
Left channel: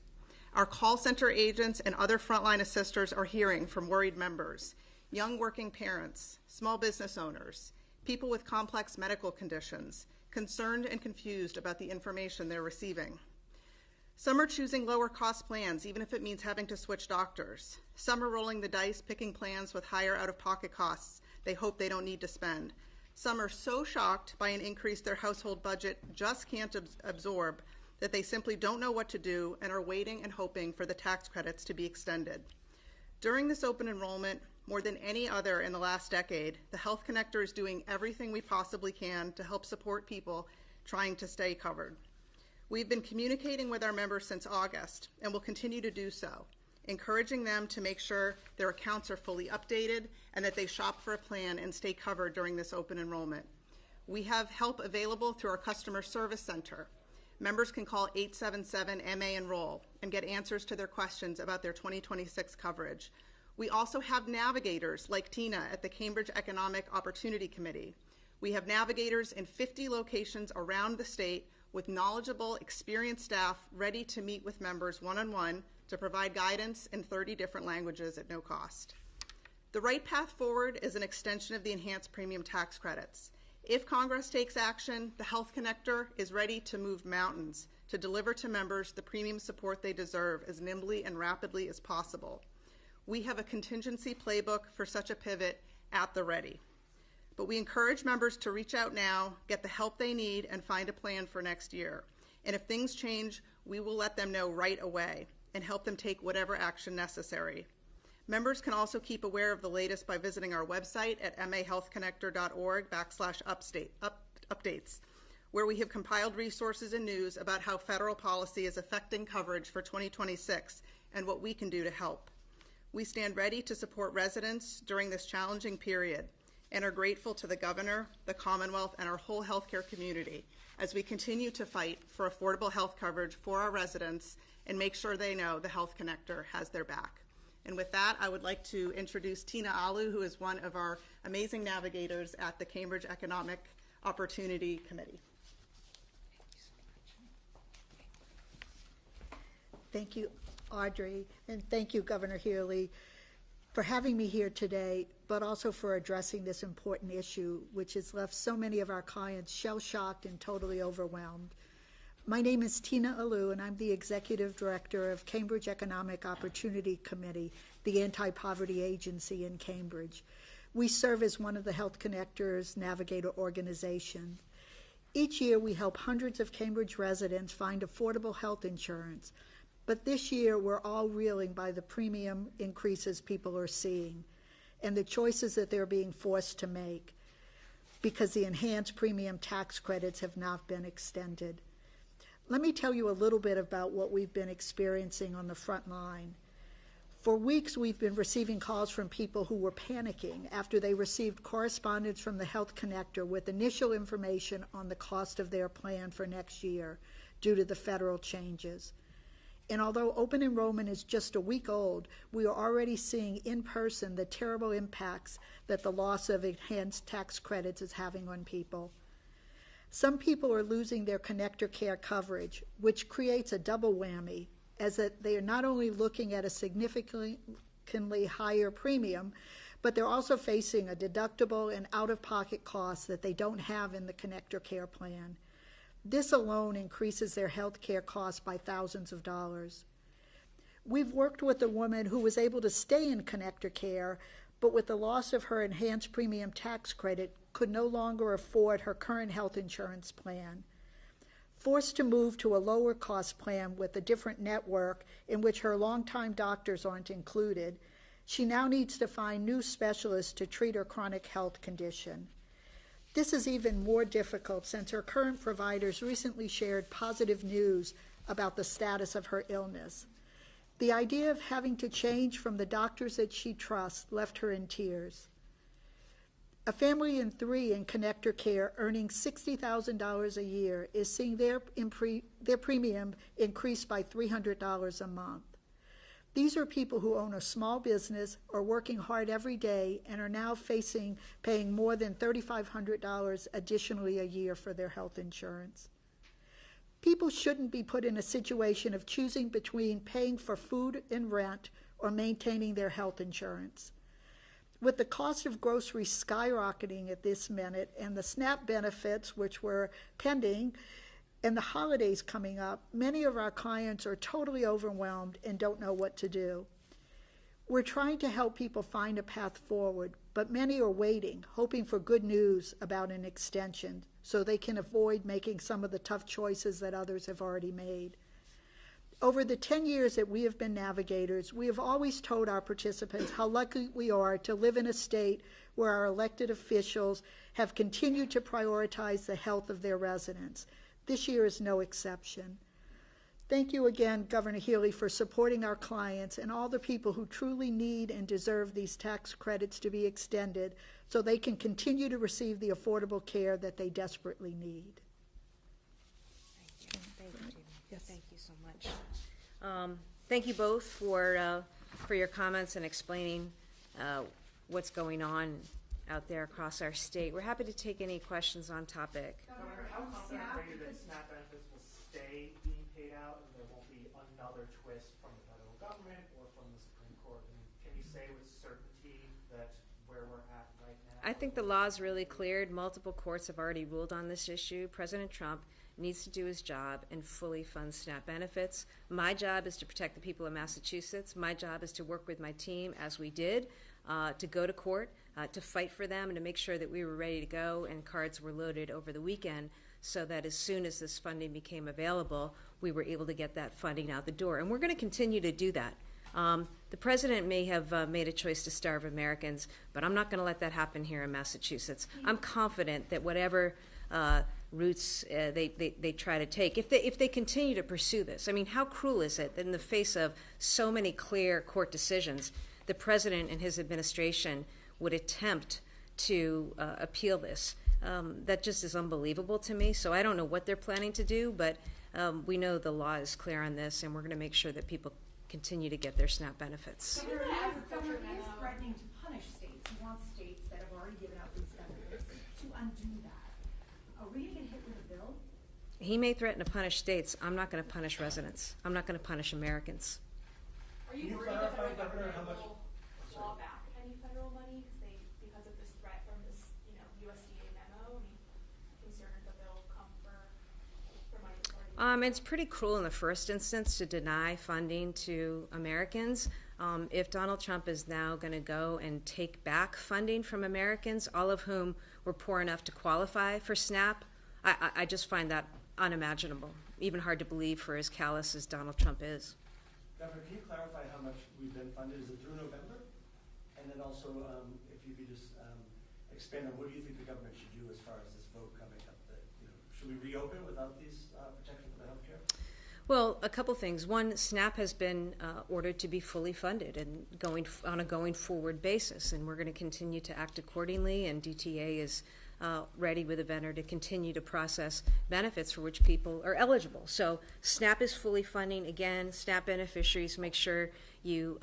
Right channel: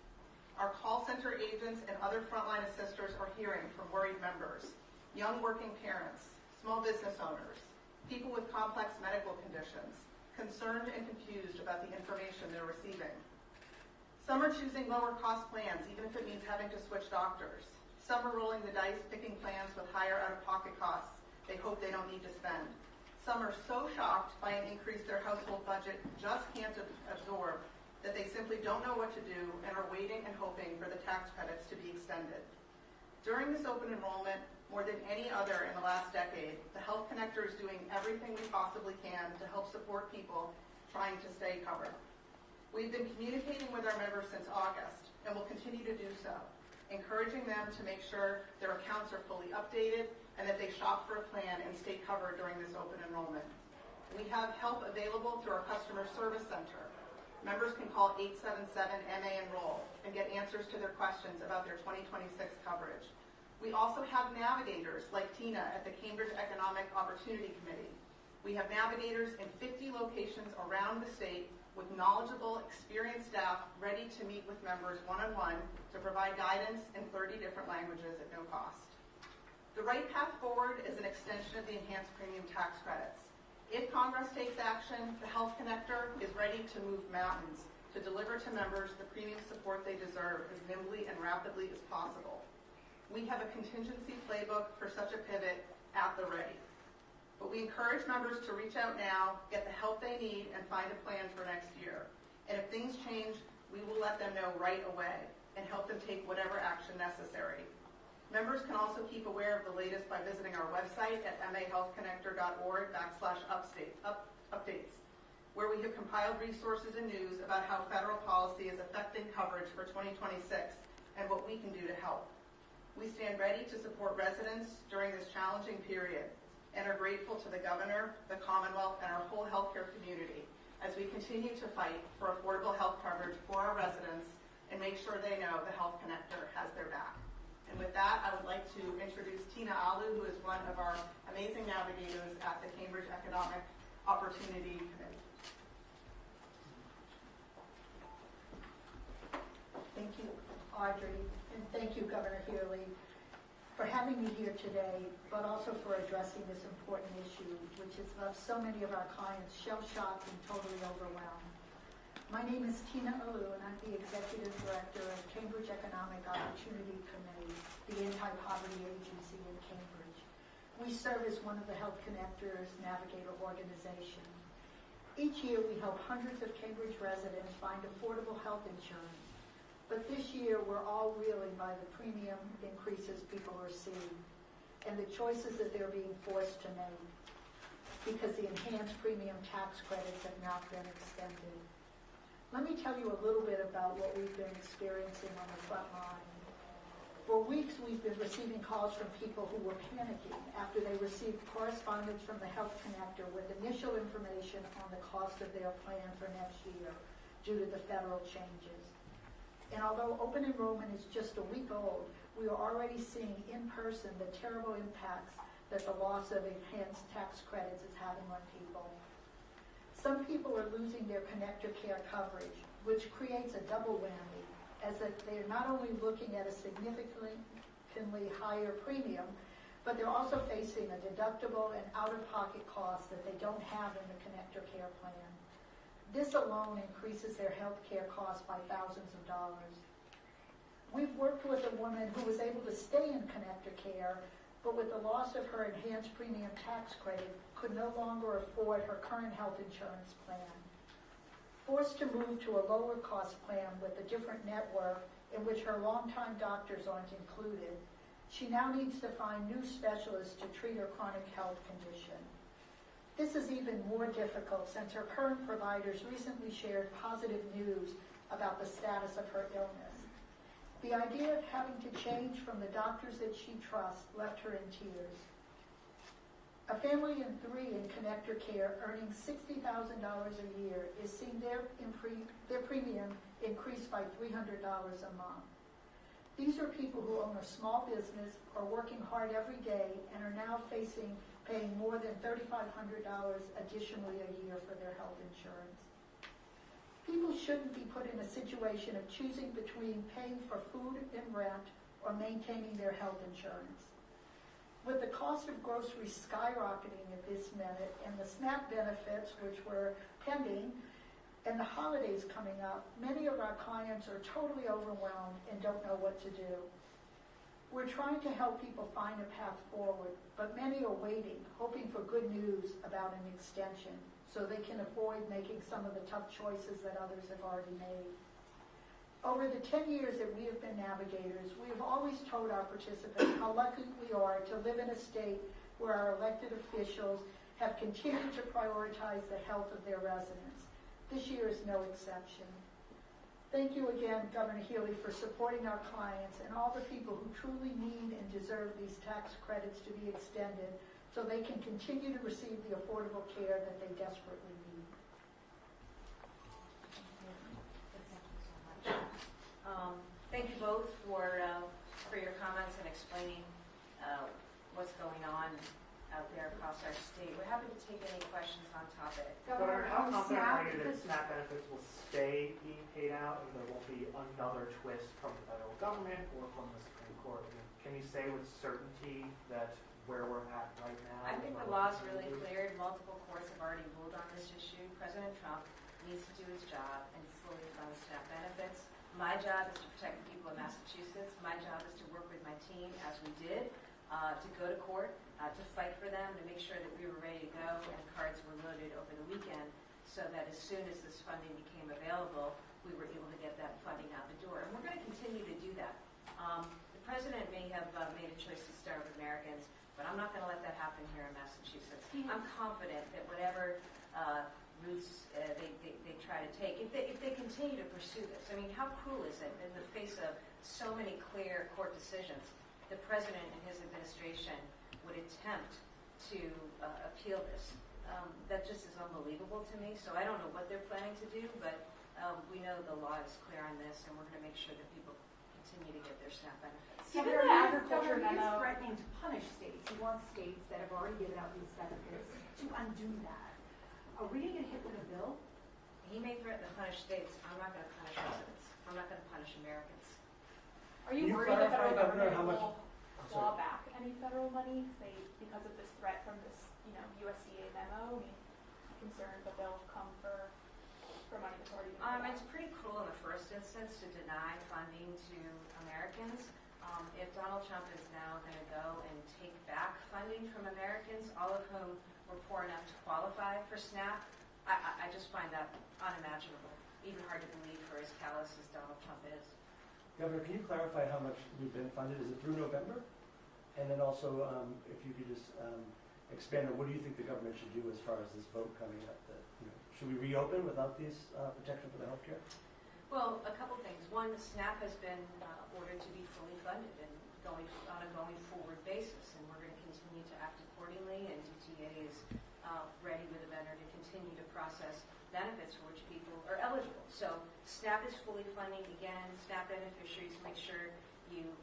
Our call center agents and other frontline assisters are hearing from worried members, young working parents, small business owners, people with complex medical conditions, concerned and confused about the information they're receiving. Some are choosing lower cost plans, even if it means having to switch doctors. Some are rolling the dice, picking plans with higher out-of-pocket costs they hope they don't need to spend. Some are so shocked by an increase their household budget just can't absorb that they simply don't know what to do and are waiting and hoping for the tax credits to be extended. During this open enrollment, more than any other in the last decade, the Health Connector is doing everything we possibly can to help support people trying to stay covered. We've been communicating with our members since August and will continue to do so, encouraging them to make sure their accounts are fully updated and that they shop for a plan and stay covered during this open enrollment. We have help available through our customer service center. Members can call 877-MA-ENROLL and get answers to their questions about their 2026 coverage. We also have navigators like Tina at the Cambridge Economic Opportunity Committee. We have navigators in 50 locations around the state with knowledgeable, experienced staff ready to meet with members one-on-one to provide guidance in 30 different languages at no cost. The right path forward is an extension of the enhanced premium tax credits. If Congress takes action, the Health Connector is ready to move mountains to deliver to members the premium support they deserve as nimbly and rapidly as possible. We have a contingency playbook for such a pivot at the ready. But we encourage members to reach out now, get the help they need, and find a plan for next year. And if things change, we will let them know right away and help them take whatever action necessary. Members can also keep aware of the latest by visiting our website at mahealthconnector.org/updates, where we have compiled resources and news about how federal policy is affecting coverage for 2026 and what we can do to help. We stand ready to support residents during this challenging period and are grateful to the Governor, the Commonwealth, and our whole healthcare community as we continue to fight for affordable health coverage for our residents and make sure they know the Health Connector has their back. And with that, I would like to introduce Tina Alu, who is one of our amazing navigators at the Cambridge Economic Opportunity Committee. Thank you, Audrey, and thank you, Governor Healey, for having me here today, but also for addressing this important issue, which has left so many of our clients shell-shocked and totally overwhelmed. My name is Tina Alu, and I'm the Executive Director of Cambridge Economic Opportunity Committee, the anti-poverty agency in Cambridge. We serve as one of the Health Connector's Navigator organization. Each year, we help hundreds of Cambridge residents find affordable health insurance. But this year, we're all reeling by the premium increases people are seeing and the choices that they're being forced to make because the enhanced premium tax credits have not been extended. Let me tell you a little bit about what we've been experiencing on the front line. For weeks, we've been receiving calls from people who were panicking after they received correspondence from the Health Connector with initial information on the cost of their plan for next year due to the federal changes. And although open enrollment is just a week old, we are already seeing in person the terrible impacts that the loss of enhanced tax credits is having on people. Some people are losing their Connector Care coverage, which creates a double whammy, as that they are not only looking at a significantly higher premium, but they're also facing a deductible and out-of-pocket costs that they don't have in the Connector Care plan. This alone increases their health care costs by thousands of dollars. We've worked with a woman who was able to stay in Connector Care, but with the loss of her enhanced premium tax credit, could no longer afford her current health insurance plan. Forced to move to a lower cost plan with a different network in which her longtime doctors aren't included, she now needs to find new specialists to treat her chronic health condition. This is even more difficult since her current providers recently shared positive news about the status of her illness. The idea of having to change from the doctors that she trusts left her in tears. A family in 3 in Connector Care earning $60,000 a year is seeing their premium increase by $300 a month. These are people who own a small business, are working hard every day, and are now paying more than $3,500 additionally a year for their health insurance. People shouldn't be put in a situation of choosing between paying for food and rent or maintaining their health insurance. With the cost of groceries skyrocketing at this minute and the SNAP benefits, which were pending, and the holidays coming up, many of our clients are totally overwhelmed and don't know what to do. We're trying to help people find a path forward, but many are waiting, hoping for good news about an extension so they can avoid making some of the tough choices that others have already made. Over the 10 years that we have been navigators, we have always told our participants how lucky we are to live in a state where our elected officials have continued to prioritize the health of their residents. This year is no exception. Thank you again, Governor Healey, for supporting our clients and all the people who truly need and deserve these tax credits to be extended so they can continue to receive the affordable care that they desperately need. Yes. Thank you so much. Thank you both for your comments and explaining what's going on out there across our state. We're happy to take any questions on topic. Governor, how confident are you that SNAP benefits will stay being paid out and there won't be another twist from the federal government or from the Supreme Court? I mean, can you say with certainty that where we're at right now? I think the law's really cleared. Multiple courts have already ruled on this issue. President Trump needs to do his job and fully fund SNAP benefits. My job is to protect the people of Massachusetts. My job is to work with my team, as we did, to go to court, to fight for them, and to make sure that we were ready to go and cards were loaded over the weekend so that as soon as this funding became available, we were able to get that funding out the door. And we're going to continue to do that. The president may have made a choice to starve Americans, but I'm not going to let that happen here in Massachusetts. I'm confident that whatever routes they try to take, if they continue to pursue this, I mean, how cruel is it that in the face of so many clear court decisions, the president and his administration would attempt to appeal this? That just is unbelievable to me. So I don't know what they're planning to do, but we know the law is clear on this, and we're going to make sure that people continue to get their SNAP benefits. Governor is threatening to punish states. He wants states that have already given out these benefits to undo that. Are we going to hit with a bill? He may threaten to punish states. I'm not going to punish residents. I'm not going to punish Americans. Are you worried the federal government will claw back any federal money because of this threat from this, USDA memo? I mean, I'm concerned that they'll come for money that's already been It's pretty cruel in the first instance to deny funding to Americans. If Donald Trump is now going to go and take back funding from Americans, all of whom were poor enough to qualify for SNAP, I just find that unimaginable, even hard to believe for as callous as Donald Trump is. Governor, can you clarify how much we've been funded? Is it through November? And then also, if you could just expand on what do you think the government should do as far as this vote coming up? Should we reopen without these protection for the healthcare? Well, a couple things. One, SNAP has been ordered to be fully funded and on a going forward basis, and we're going to continue to act accordingly, and DTA is ready with a vendor to continue to process benefits for which people are eligible. So SNAP is fully funding. Again, SNAP beneficiaries, make sure you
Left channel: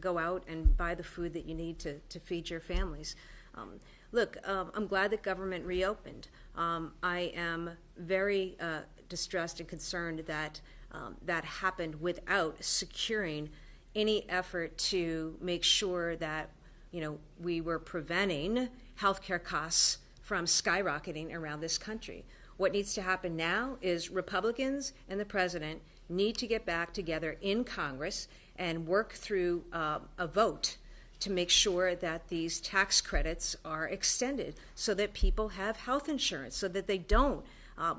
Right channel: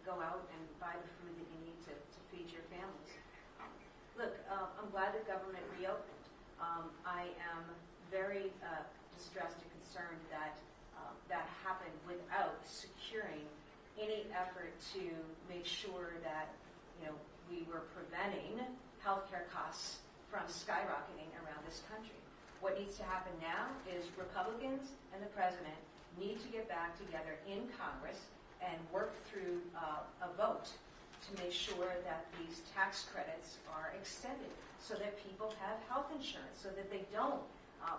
go out and buy the food that you need to feed your families. Look, I'm glad that government reopened. I am very distressed and concerned that that happened without securing any effort to make sure that we were preventing healthcare costs from skyrocketing around this country. What needs to happen now is Republicans and the president need to get back together in Congress and work through a vote to make sure that these tax credits are extended so that people have health insurance, so that they don't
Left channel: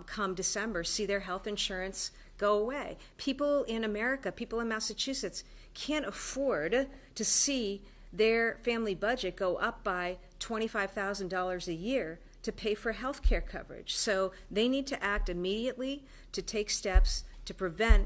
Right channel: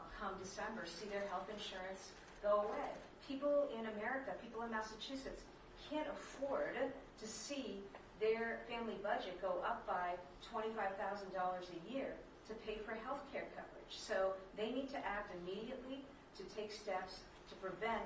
come December see their health insurance go away. People in America, people in Massachusetts can't afford to see their family budget go up by $25,000 a year to pay for health care coverage. So they need to act immediately to take steps to prevent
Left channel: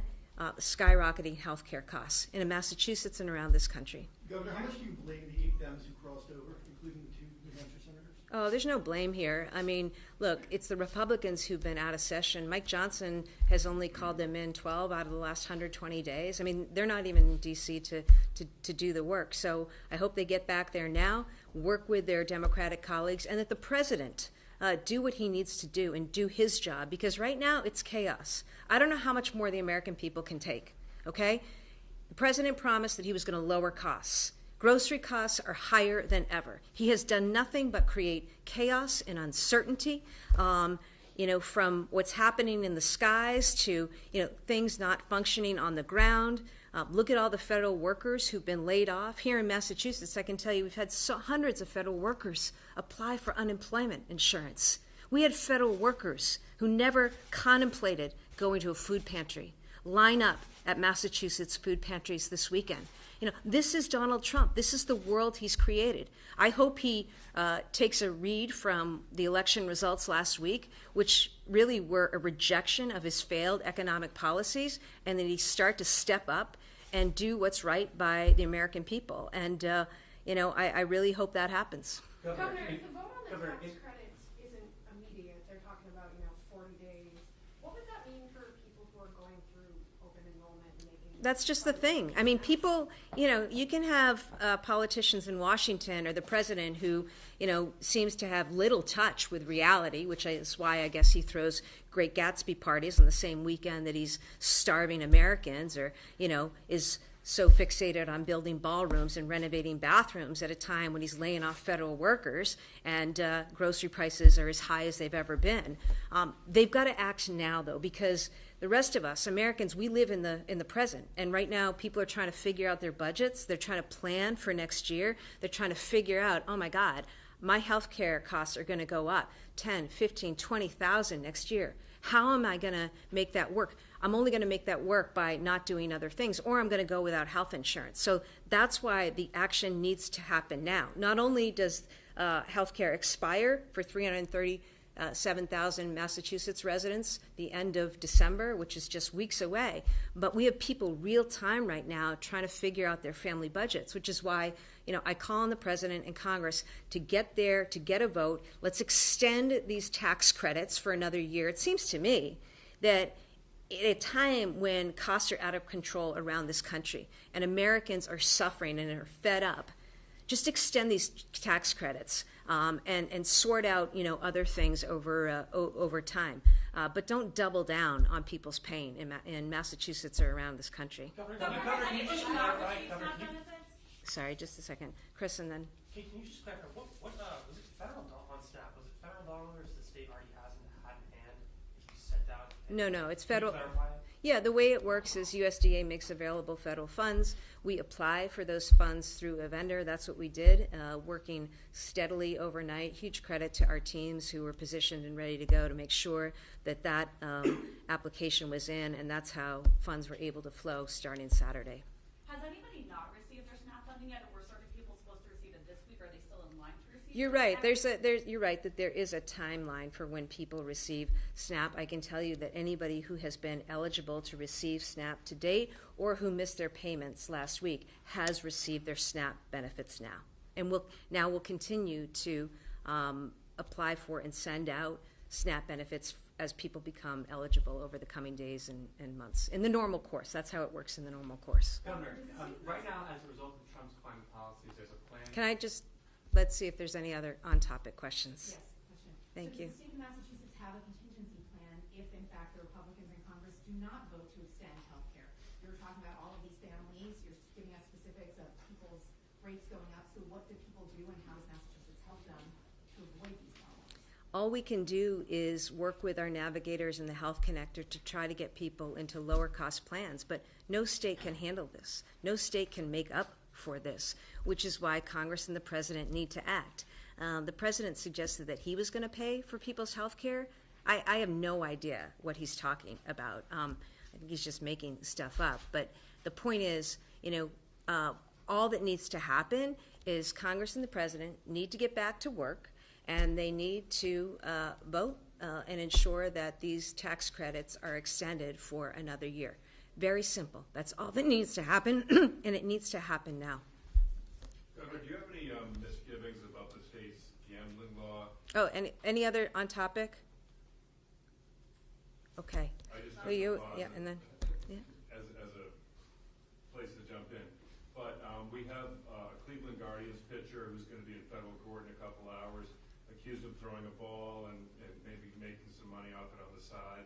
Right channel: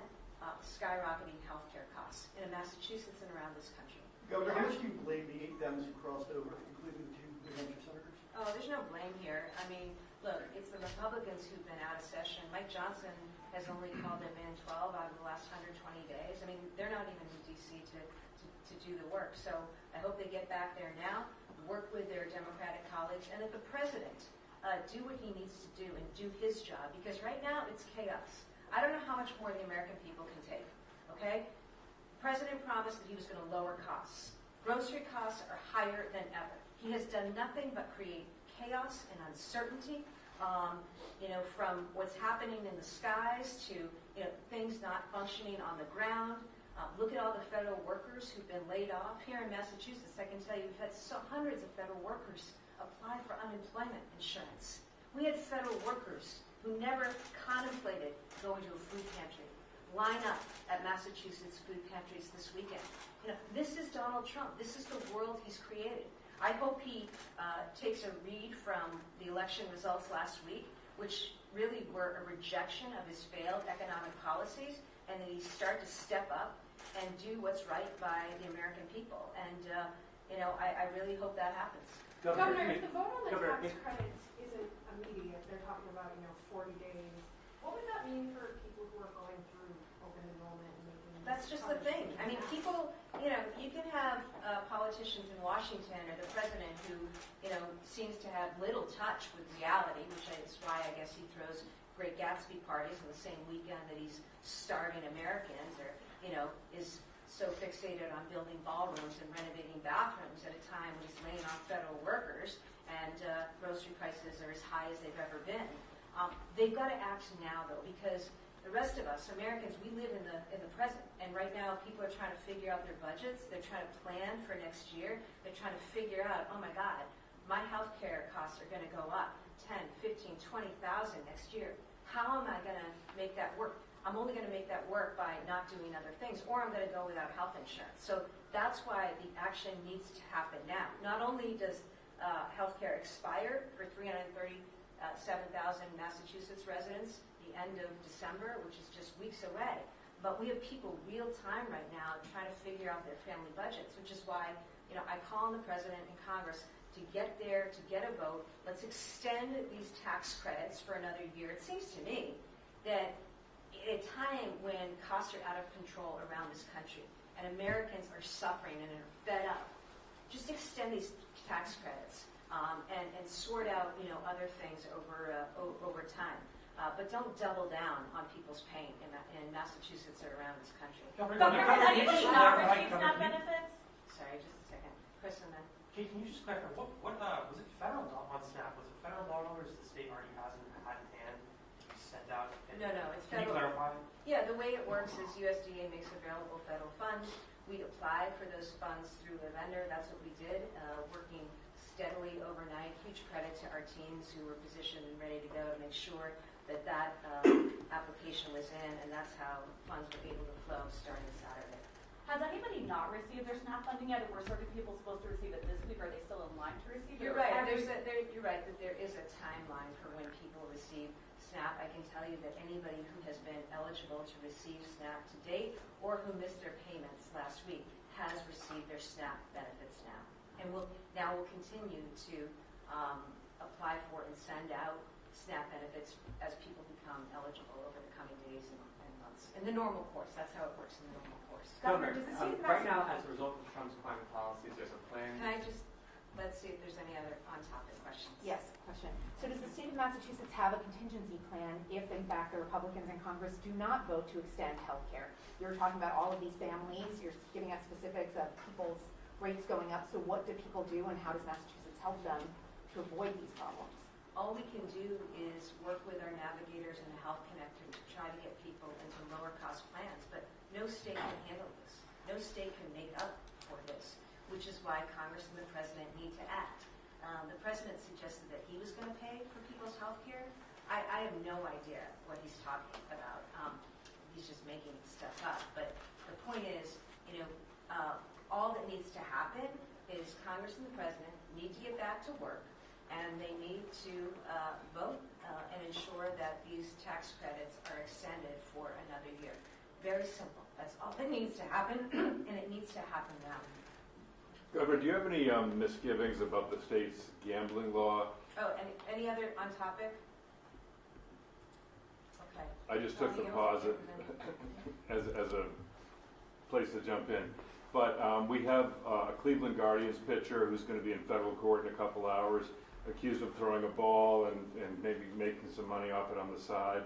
skyrocketing health care costs in Massachusetts and around this country. Governor, how much do you blame the 8 Dems who crossed over, including the 2 New Hampshire senators? Oh, there's no blame here. I mean, look, it's the Republicans who've been out of session. Mike Johnson has only called them in 12 out of the last 120 days. I mean, they're not even in D.C. to do the work. So I hope they get back there now, work with their Democratic colleagues, and that the president do what he needs to do and do his job, because right now it's chaos. I don't know how much more the American people can take, okay? The president promised that he was going to lower costs. Grocery costs are higher than ever. He has done nothing but create chaos and uncertainty, from what's happening in the skies to, things not functioning on the ground. Look at all the federal workers who've been laid off. Here in Massachusetts, I can tell you we've had hundreds of federal workers apply for unemployment insurance. We had federal workers who never contemplated going to a food pantry line up at Massachusetts food pantries this weekend. This is Donald Trump. This is the world he's created. I hope he takes a read from the election results last week, which really were a rejection of his failed economic policies, and that he start to step up and do what's right by the American people. And, I really hope that happens. Governor, if the vote on the tax credits isn't immediate, they're talking about, 40 days, what would that mean for people who are going through open enrollment and making... That's just the thing. I mean, people, you can have politicians in Washington or the president who, seems to have little touch with reality, which is why I guess he throws Great Gatsby parties on the same weekend that he's starving Americans, or, is so fixated on building ballrooms and renovating bathrooms at a time when he's laying off federal workers and grocery prices are as high as they've ever been. They've got to act now, though, because the rest of us, Americans, we live in the present. And right now, people are trying to figure out their budgets. They're trying to plan for next year. They're trying to figure out, oh my God, my health care costs are going to go up 10, 15, 20,000 next year. How am I going to make that work? I'm only going to make that work by not doing other things, or I'm going to go without health insurance. So that's why the action needs to happen now. Not only does healthcare expire for 337,000 Massachusetts residents the end of December, which is just weeks away, but we have people real time right now trying to figure out their family budgets, which is why I call on the President and Congress to get there, to get a vote. Let's extend these tax credits for another year. It seems to me that at a time when costs are out of control around this country and Americans are suffering and are fed up, just extend these tax credits and sort out other things over time. But don't double down on people's pain in Massachusetts or around this country. Governor, has anybody not received SNAP benefits? Sorry, just a second. Chris, and then. Can you just clarify, what was it federal on SNAP? Was it federal dollars the state already hasn't had in hand sent out? No, it's Can federal. you clarify? Yeah, the way it works is USDA makes available federal funds. We apply for those funds through a vendor. That's what we did, working steadily overnight. Huge credit to our teams who were positioned and ready to go to make sure that application was in, and that's how funds were able to flow starting Saturday. Has anybody not received their SNAP funding yet? Were certain people supposed to receive it this week? Are they still in line to receive it? You're right. You're right that there is a timeline for when people receive SNAP. I can tell you that anybody who has been eligible to receive SNAP to date or who missed their payments last week has received their SNAP benefits now, and we'll continue to apply for and send out SNAP benefits as people become eligible over the coming days and months. In the normal course. That's how it works in the normal course. Governor, right now, as a result of Trump's climate policies, there's a plan. Can I just, let's see if there's any other on-topic questions. Yes, question. Thank so you. does the state of Massachusetts have a contingency plan if, in fact, the Republicans in Congress do not vote to extend health care? You're talking about all of these families. You're giving us specifics of people's rates going up. So what do people do, and how does Massachusetts help them to avoid these problems? All we can do is work with our navigators and the Health Connector to try to get people into lower cost plans, but no state can handle this. No state can make up for this, which is why Congress and the President need to act. The President suggested that he was going to pay for people's health care. I have no idea what he's talking about. He's just making stuff up. But the point is, all that needs to happen is Congress and the President need to get back to work, and they need to vote and ensure that these tax credits are extended for another year. Very simple. That's all that needs to happen, and it needs to happen now. Governor, do you have any misgivings about the state's gambling law? Oh, any other on topic? Okay. I just took the pause as a place to jump in. But we have a Cleveland Guardians pitcher who's going to be in federal court in a couple hours, accused of throwing a ball and maybe making some money off it on the side.